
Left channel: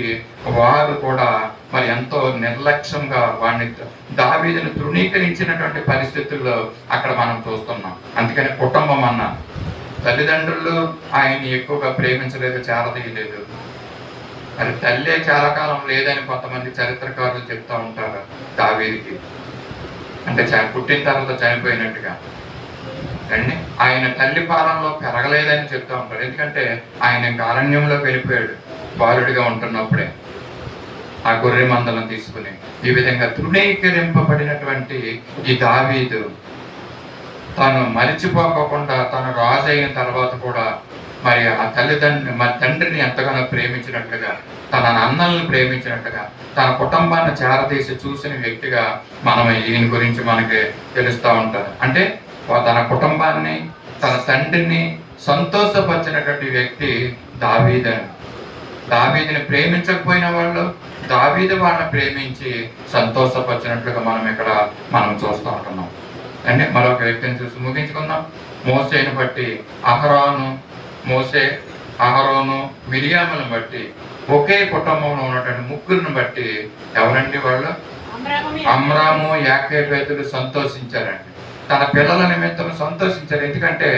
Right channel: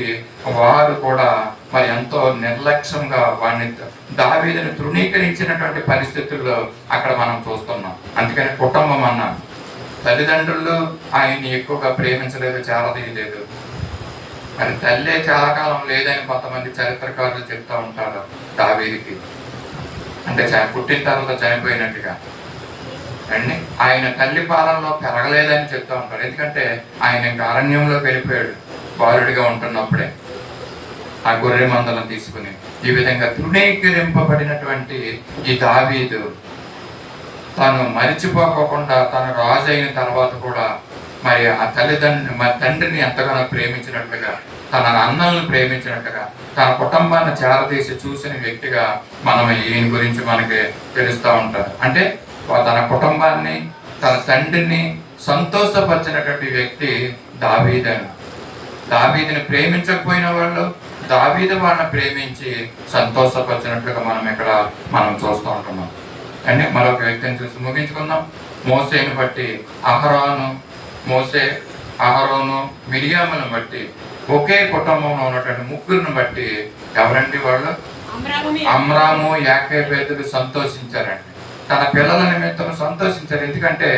వారు కూడా మరి ఎంతో నిర్లక్ష్యంగా వాడిని దావీదుని తృణీకరించినటువంటి పరిస్థితుల్లో అక్కడ మనం చూస్తున్నాం. అందుకని కుటుంబం అన్న తల్లిదండ్రులు ఆయన్ని ఎక్కువగా ప్రేమించలేదు, చారదీయలేదు. మరి తల్లే చాలా కాలం లేదని కొంతమంది చరిత్రకారులు చెప్తూ ఉంటారు దావీదుకి, అంటే పుట్టిన తర్వాత చనిపోయినట్టుగా అండి. ఆయన తల్లి పాలనలో పెరగలేదని చెప్తూ ఉంటారు. ఎందుకంటే ఆయన ఇంకా అరణ్యంలోకి వెళ్ళిపోయాడు బాలుడిగా ఉంటున్నప్పుడే, ఆ గొర్రె మందలను తీసుకుని. ఈ విధంగా తృణీకరింపబడినటువంటి ఈ దావీదు తాను మరిచిపోకుండా తను రాజు అయిన తర్వాత కూడా మరి ఆ తండ్రిని ఎంతగానో ప్రేమించినట్లుగా, తన అన్నలను ప్రేమించినట్టుగా, తన కుటుంబాన్ని చేరదీసి చూసిన వ్యక్తిగా మనం ఈయన గురించి మనకి తెలుస్తూ ఉంటారు. అంటే తన కుటుంబాన్ని, తన తండ్రిని సంతోషపరిచినటువంటి వ్యక్తి దావీదుని ప్రేమించకపోయిన వాళ్ళు దావీదు వాళ్ళని ప్రేమించి సంతోషపరిచినట్లుగా మనం చూస్తూ ఉంటున్నాం. అంటే మరొక వ్యక్తిని చూసి ముగించుకుందాం. మోసేని బట్టి అహరోను మిరియాములను బట్టి ఒకే కుటుంబంలో ఉన్నటువంటి ముగ్గురిని బట్టి ఎవరండి వాళ్ళు? అమ్రాము యాకేబేతులు సంతోషించారండి. తన పిల్లల నిమిత్తం సంతోషించారు. ఎందుకంటే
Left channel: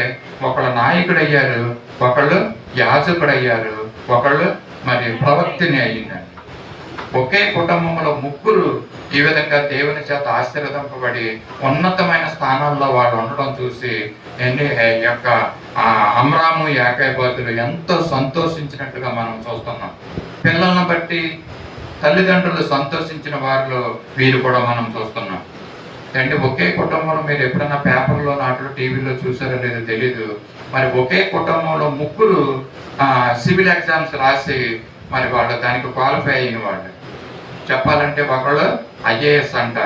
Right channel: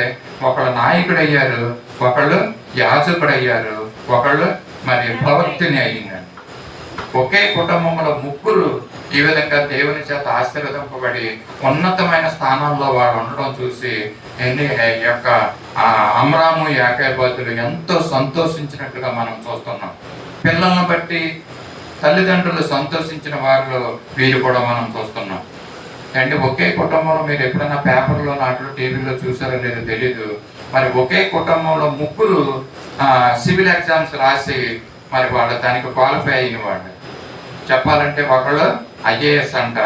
ఒకళ్ళు నాయకుడు అయ్యారు, ఒకళ్ళు యాజకుడు అయ్యారు, ఒకళ్ళు మరి ప్రవక్తిని అయ్యిందండి. ఒకే కుటుంబంలో ముగ్గురు ఈ విధంగా దేవుని చేత ఆశీర్వదింపబడి ఉన్నతమైన స్థానాల్లో వాళ్ళు ఉండడం చూసి యొక్క అమ్రాము యాకేబేతులు ఎంతో సంతోషించినట్టుగా మనం చూస్తున్నాం. పిల్లలను బట్టి తల్లిదండ్రులు సంతోషించిన వారిలో వీరు కూడా మనం చూస్తున్నాం. అంటే ఒకే కుటుంబంలో, మీరు ఎప్పుడైనా పేపర్లో నాట్లో టీవీలో చూసారో లేదో తెలీదు, మరి ఒకే కుటుంబంలో ముగ్గురు సివిల్ ఎగ్జామ్స్ రాసి మరి వాళ్ళు దానికి క్వాలిఫై అయిన వాళ్ళు. చెప్పాలంటే ఒకళ్ళు ఐఏఎస్ అంట,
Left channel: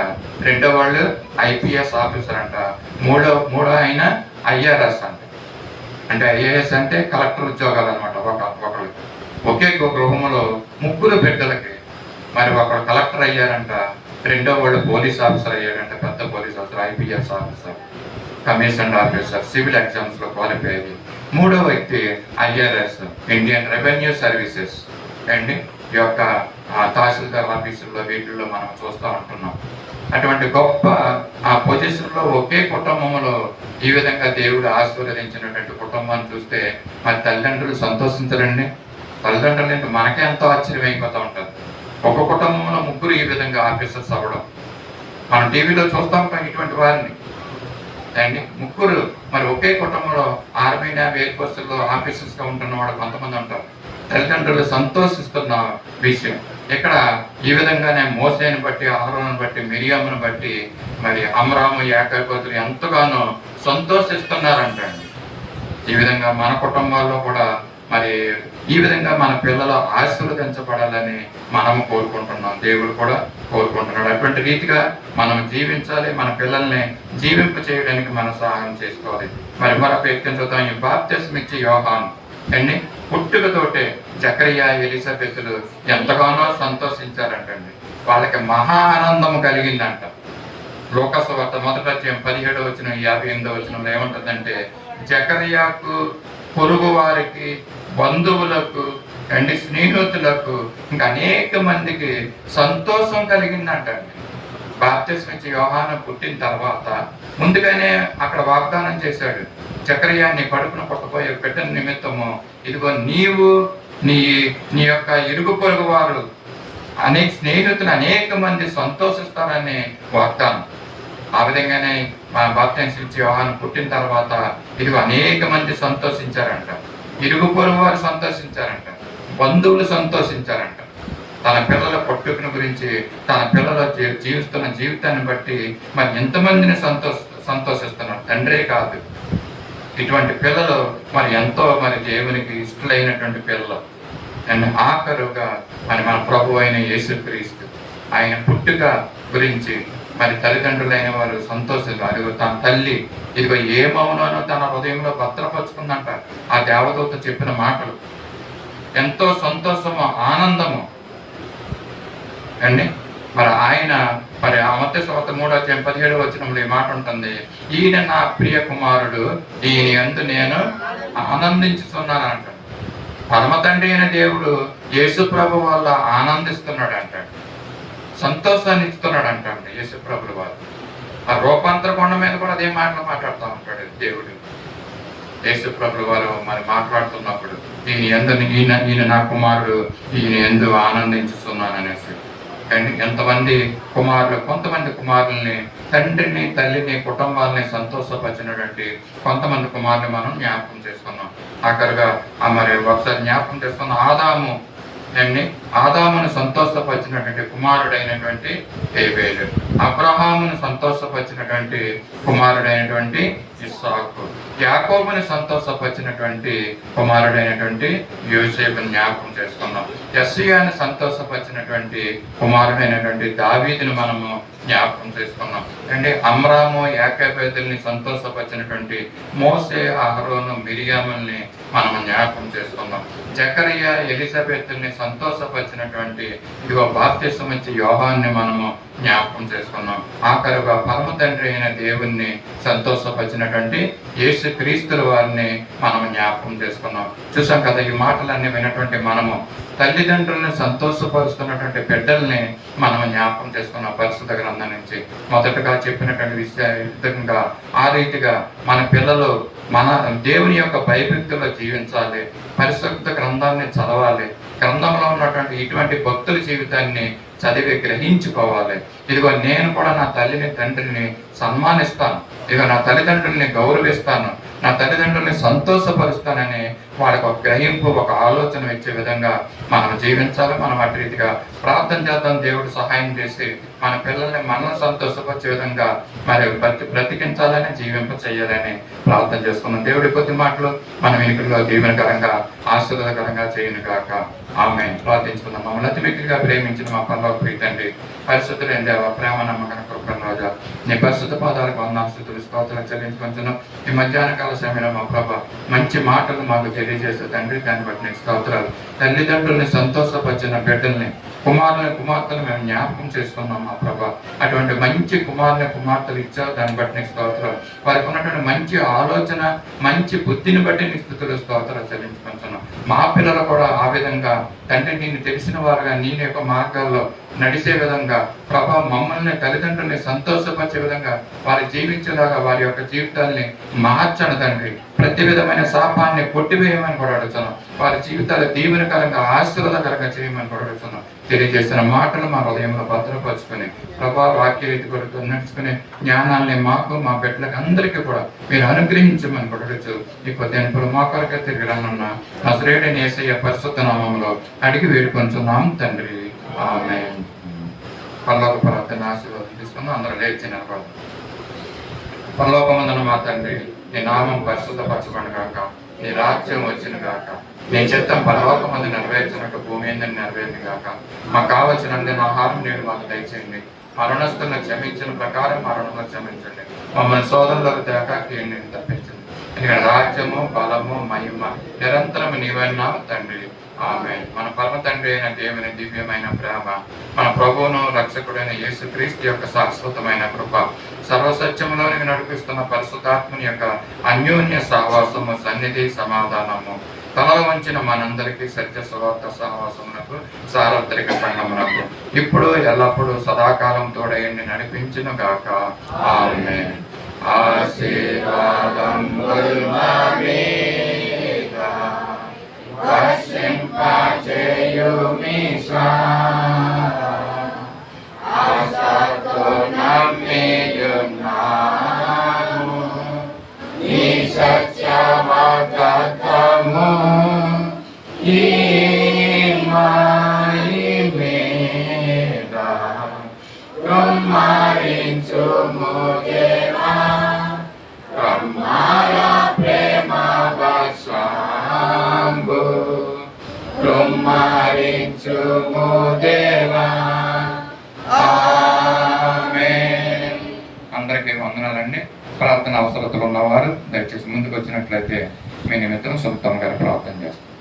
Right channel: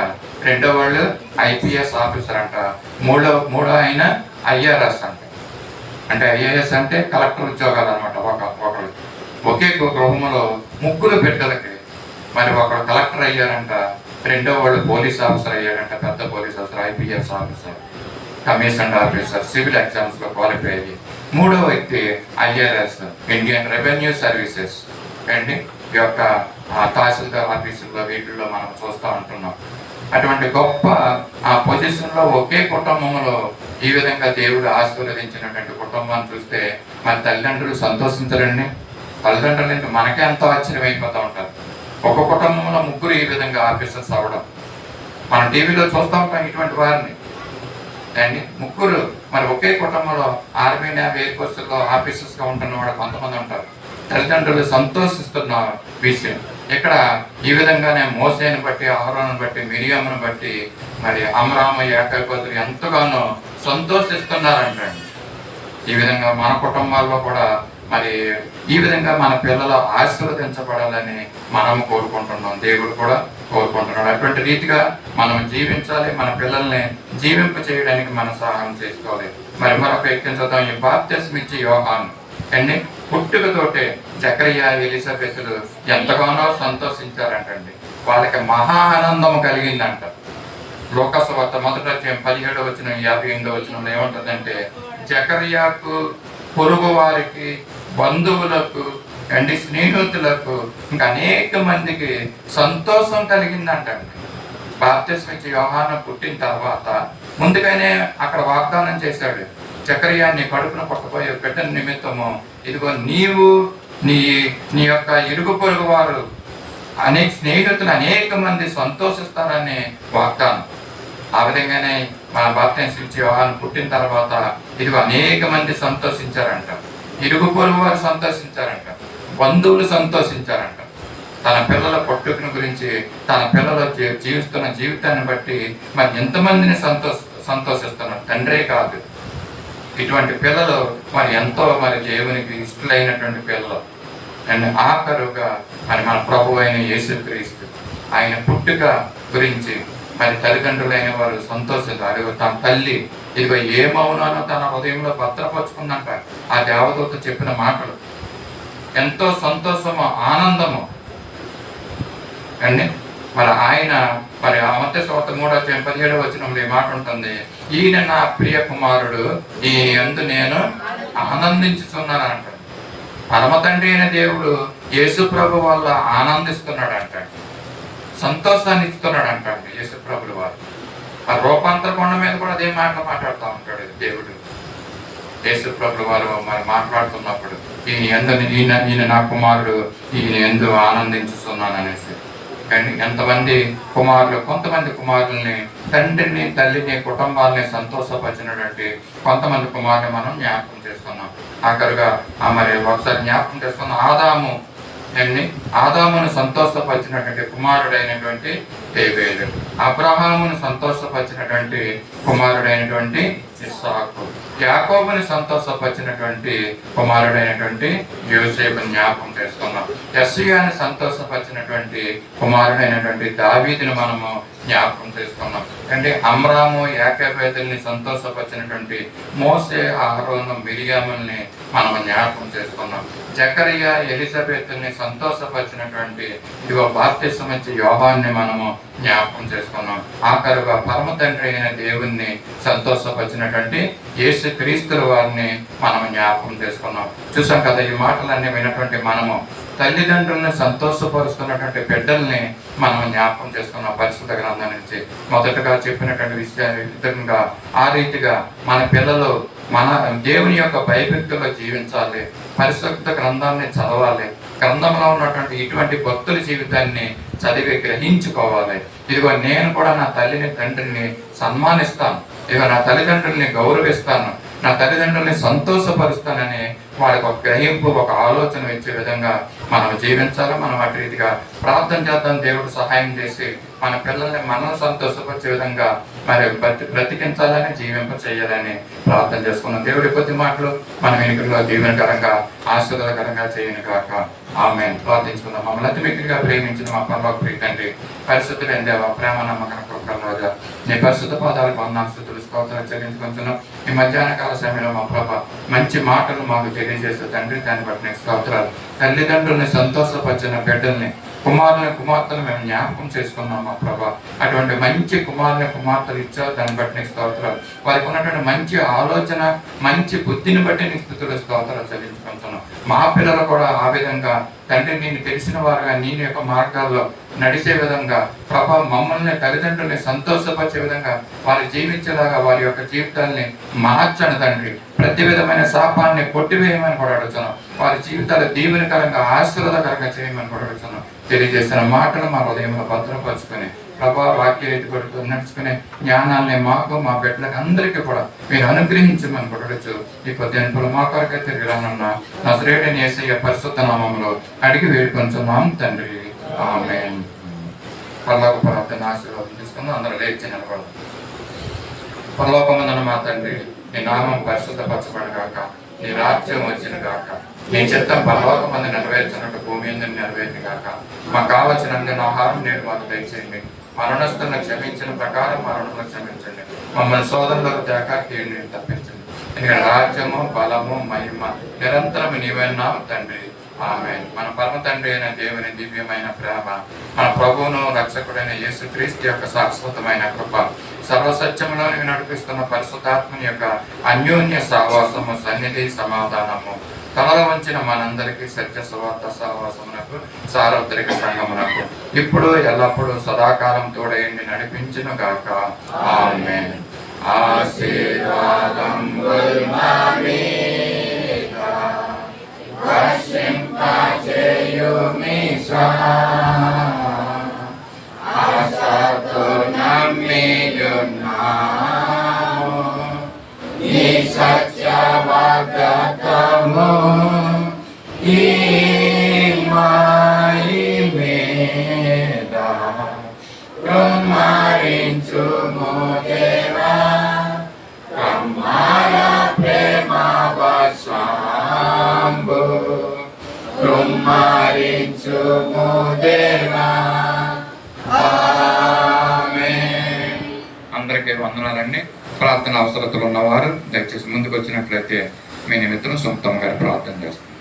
రెండో వాళ్ళు ఐపీఎస్ ఆఫీసర్ అంట, మూడో ఆయన ఐఆర్ఎస్ అంట. అంటే ఐఏఎస్ అంటే కలెక్టర్ ఉద్యోగాలు అనమాట. ఒకళ్ళు ఒకే గృహంలో ముగ్గురు బిడ్డలకి మరి ఒకళ్ళు కలెక్టర్ అయ్యారంట, రెండో వాళ్ళు పోలీస్ ఆఫీసర్ అయ్యారంట, పెద్ద police officer, IPS officer, commissioner officer, civil exams లో క్వాలిఫై అయ్యి. మూడో వ్యక్తి ఐఆర్ఎస్, ఇండియన్ రెవెన్యూ సర్వీసెస్, అండి ఈ యొక్క తహసీల్దార్ ఆఫీసుల్లో వీటిల్లో మనం చూస్తూ ఉంటున్నాం. అటువంటి గొప్ప పొజిషన్లో ఒకే కుటుంబంలో ఈ విధంగా దేవుడు ఆశీర్వదించినటువంటి కుటుంబాన్ని చూస్తే మరి తల్లిదండ్రులు సంతోషించరండి. తల్లిదండ్రులు మనకే ఎంతో ఆశ్చర్యం అయిపోతూ ఉంటారు. ఒక కుటుంబంలో ముగ్గురు ఈ విధంగా ఆఫీసర్స్ అవ్వడం మనం టీవీలో చూస్తూ ఉంటాం. ఇటువంటి వారిని అండి ముగ్గురు మరి ఒకే కుటుంబంలో ఆర్మీ నేవీ ఎయిర్ ఫోర్స్లో ఆఫీసర్స్గా ఉంటున్న వాళ్ళు కొంతమంది ఉంటారు. తల్లిదండ్రులు సంతోషిస్తున్న విషయం ఇక్కడ ఈ విధంగానే మోసేని బట్టి, అహరోను బట్టి, మిరియామును బట్టి మరి అమరాము యాకోబులు ఎంతగానో సంతోషిస్తున్నారంటండి. ఈ విధంగా మన కుటుంబాల్లో కూడా మరి ఈ విధంగా మన పిల్లలు ఆశీర్వదించబడాలని మనం కోరుకుంటున్నాం. దేవుడు కూడా కోరుకుంటున్నాడు. అటువంటి రీతిగా మనం జీవించాలి. మన పిల్లల్ని జీవింప చేయడానికి మనం సహాయం చేసుకోవాలి. మరి మరొక వ్యక్తిని చూద్దాం. ఈ బాప్తిస్మం ఇచ్చి యోహాను అండి పుట్టుకతోటే జకరియా, ఎలిజబెతులు ఎంతగానో సంతోషించారంటండి. వాళ్ళకి మహా ఆనందం కలిగిందంట. లోకాసు వార్త 1:17-58 ఏముంటుందంటే జకరియాకు, పొరుగు వారికి, బంధువులకు అండి, స్నేహితులకు ఇంకా అనేక మందికి సంతోషం కలిగిందంటండి. బాప్తిస్మం ఇచ్చి యోహాను పుట్టిన తర్వాత ముందుగానే అక్కడ వాగ్దానం చేశాడు. జకరియా, నీ కడుపున పుట్టబోయే బిడ్డ నిమిత్తము ఇదిగో నీవు నీ యొక్క ఇరుగు పొరుగు వారు అనేక స్నేహితులు అనేక మంది సంతోషిస్తారని వాగ్దానం. ఆ విధంగానే మన బాప్తిస్మం ఇచ్చి యోహాను పుట్టిన తర్వాత ఇదిగో అనేక మంది సంతోషించారంట. ఇరుగు పొరుగు వారు సంతోషించారంట. బంధువులు సంతోషించారంట. తన పిల్లల పుట్టుకను గురించి, తన పిల్లల జీవిస్తున్న జీవితాన్ని బట్టి మరి ఎంతమందిని సంతోషిస్తున్నారు. తండ్రే కాదు, ఇటువంటి పిల్లలు మరి ఎంతో మరి దేవునికి ఇష్టలైనటువంటి పిల్లలు. అండ్ ఆఖరుగా మరి మన ప్రభు అయిన యేసుక్రీస్తు ఆయన పుట్టుక గురించి మరి తల్లిదండ్రులైన వారు సంతోషించారు. అదిగో తన తల్లి ఇదిగో ఏమవునానో తన హృదయంలో భద్రపరుచుకుందంట. ఆ దేవదూత చెప్పిన మాటలు ఎంతో సంతోషము, ఆనందము అండి. మరి ఆయన మరి మత్తయి సువార్త 3:17 ఈ మాట ఉంటుంది. ఈయన నా ప్రియ కుమారుడు, ఈయన యందు నేను ఆనందించుతున్నాను అంట. పరమ తండ్రి అయిన దేవుడు యేసు ప్రభు వల్ల ఆనందిస్తున్నాడు అంట. సంతోషాన్ని ఇస్తున్నాడు అంటాడు యేసు ప్రభుల వారు. ఆ రూపాంతర కొండ మీద కూడా అదే మాటలు మాట్లాడుతూ ఉంటాడు దేవుడు. యేసు ప్రభుల వారు మరి మాట్లాడుతున్నప్పుడు ఈయన నా కుమారుడు, ఈయన యందు ఆనందించుతున్నాను అనేసి. కానీ ఎంతమంది కుమారులు, కొంతమంది కుమారుల్ని, తండ్రిని, తల్లిని, కుటుంబాలని సంతోషపరిచినటువంటి కొంతమంది కుమారుని మనం జ్ఞాపకం చేసుకున్నాం. ఆఖరిగా మరి ఒకసారి జ్ఞాపకం చేసుకున్న ఆదామును సంతోషపరిచినటువంటి కుమారుడైనటువంటి హేబేలు, అబ్రహామును సంతోషపరిచినటువంటి కుమారుడైనటువంటి ఇస్సాకు, యాకోబుని సంతోషపరిచినటువంటి కుమారుడైనటువంటి యోసేపుని జ్ఞాపకం చేసుకున్నాం. యెషయాని సంతోషపరిచినటువంటి కుమారుడైనటువంటి దావీదుని మనము జ్ఞాపకం చేసుకున్నాం. అంటే అమ్రాము, యాకోబుని సంతోషపరిచినటువంటి మోసే, అహరోను, మిరియాముల్ని మనము జ్ఞాపకం చేసుకున్నాం. జకరియా, ఎలిజబెతుల్ని సంతోషపరిచినటువంటి ఇదిగో బాప్తిస్మం ఇచ్చి యోహాన్ని మనము జ్ఞాపకం చేసుకున్నాం. ఆఖరుగా పరమ తండ్రి అయిన దేవుణ్ణి సంతోషపరిచినటువంటి యేసు క్రీస్తుల వారిని మనము జ్ఞాపకం చేసుకున్నాం. చూసాం కదా, ఈ మాటలన్నీ వినటువంటి మనము తల్లిదండ్రులను సంతోషపరుస్తున్నటువంటి బిడ్డల్ని మనం జ్ఞాపకం చేసుకున్నాం. పరిశుద్ధ గ్రంథం నుంచి మొదటగా చెప్పినటువంటి విధంగా ఆ రీతిగా మన పిల్లలు మన దేవుని యొక్క భయభక్తుల్లో జీవించాలి. పరిశుద్ధ గ్రంథాన్ని చదవాలి. గ్రంథంలో ఉన్నటువంటి ఇటువంటి భక్తుల జీవితాన్ని చదివి గ్రహించుకోవాలి. ఇదిగో నేను కూడా నా తల్లిని, తండ్రిని సన్మానిస్తాను, ఇదిగో నా తల్లిదండ్రుల్ని గౌరవిస్తాను, నా తల్లిదండ్రుల్ని సంతోషపరుస్తానని వాళ్ళకి ఒక గ్రహింపు, ఒక ఆలోచన ఇచ్చే విధంగా మనం జీవించాలి. మనం అటు రీతిగా ప్రార్థన చేద్దాం. దేవుడు సహాయం చేసి మన పిల్లల్ని మనం సంతోషపరిచే విధంగా మరి బ్రతికించాలని, జీవింప చేయాలని ప్రార్థన చేసుకున్నాం. దేవుడి కొద్ది మాటలు మన వెనుకల్లో దీవెనకరంగా, ఆశీర్వాదకరంగా చేయను కాక. ఆమేన్. ప్రార్థించుకున్నాం. మమ్మల్ని అతి వ్యక్తిగా ప్రేమించిన మా పరలోక తండ్రి, పరిశుద్ధులైన దేవ, ప్రేమ నమ్మకం రాజా, నీ పరిశుద్ధ పాదాలకు వందనాలు, స్తోత్రాలు చెల్లించుకుంటున్నాం. ఈ మధ్యాహ్న కాల సమయంలో మా ప్రభా మంచి మాటలు మాకు తెలియజేస్తూ తండ్రి, దాన్ని బట్టి నీకు స్తోత్రాలు. తల్లిదండ్రుల్ని సంతోషపరిచిన బిడ్డల్ని కుమార్తెలు మేము జ్ఞాపకం చేసుకున్నాం మా ప్రభా. అటువంటి మంచి కుమార్తెలు ఇచ్చావు, దాన్ని బట్టి నీకు స్తోత్రాలు. వారికి ఉన్నటువంటి మంచి ఆలోచన, మంచి బుద్ధిని బట్టి నీ స్థుతులు స్తోత్రాలు చెల్లించుకుంటున్నాం. మా పిల్లలు కూడా ఆ విధంగా తండ్రి నేను తెలిసిన వారుగా నీ యొక్క మార్గాల్లో నడిచే విధంగా ప్రభా, మమ్మల్ని తల్లిదండ్రుల్ని సంతోషపరిచే విధంగా వారి జీవించేలాగా వారి యొక్క జీవితాల్ని మార్చను తండ్రి. ప్రతి విధమైన శాపాన్ని కొట్టివేయమని కూడా అడుగుతున్నాం. వారి జీవితాలు దీవెనకరంగా ఆశీర్వాదకరంగా చేయమని కూడా అడుగుతున్నాం. తెలియజేసిన మాటలు మా హృదయంలో భద్రపరుచుకుని ప్రభా, వాక్య ఎదుగుడుతూ నడుచుకునే జ్ఞానాన్ని మాకు, మా బిడ్డలకు అందరికీ కూడా మీరు అనుగ్రహించమని కొడవచ్చు. ఈ కొద్దింపులు మా కొరకే తిరిగి రానున్న నజరేయుడైన యేసయ్య పరిశుద్ధ నామములో అడిగి వేడుకొంచున్నాం తండ్రి. ఆమేన్. పరలోక ప్రార్థన ఆశీర్వాదం తీసుకుందాం. అందరూ లేచి నిలబడదాం. పరలోకమందున మా తండ్రి, నీ నామం పరిశుద్ధపరచబడిన గాక, నీ రాజ్యం వచ్చిన గాక, నీ చిత్తం పరలోకమందు నెరవేర్చినట్టు భూమి ఎందుకు నెరవేరింది గాక. మాకు కావలసిన ఆహారం నేడు మాకు దయచేయండి. మరణస్తులను క్షమించిన ప్రకారం మరణంలో క్షమించండి. మమ్మల్ని సోదరులకు తేక కీడుని తప్పించండి. ఎందుకంటే రాజ్యము, బలము, మహిమ నిరంతరం నీవైనా తండ్రి. ఆమేన్. మన పరమ తండ్రి అయిన దేవుని దివ్యమైన ప్రేమ, మన ప్రభువును రక్షకుడైన యేసుక్రీస్తు యొక్క శాశ్వతమైన కృప, సర్వసత్యంలోనికి నడిపిస్తున్న పరిశుద్ధాత్మని యొక్క అన్యోన్య సహవాసము, సన్నిధి, సమాధానము తలలో వంచిన మనందరికీ సత్య సువార్త సహవాసమునకు, సార్వత్రిక సంగమునకు ఇప్పుడు ఎల్లప్పుడూ సదాకాలం తోడయండి నడిపించును గాక. ఆమేన్. ఆశీర్వాదం సత్యవాదము ఈ మాయి మీద కుమారించుము దేవా, కమ్మాయ ప్రేమ వశంబు కుమారించుము దేవా. ఆమేన్. అందరికీ వందనాలండి. ప్రార్థన అవసరతలు ఉన్నవారు దయచేసి ముందుకు వచ్చినట్లయితే మీ నిమిత్తం సొంతం గారు ప్రార్థన చేస్తారు.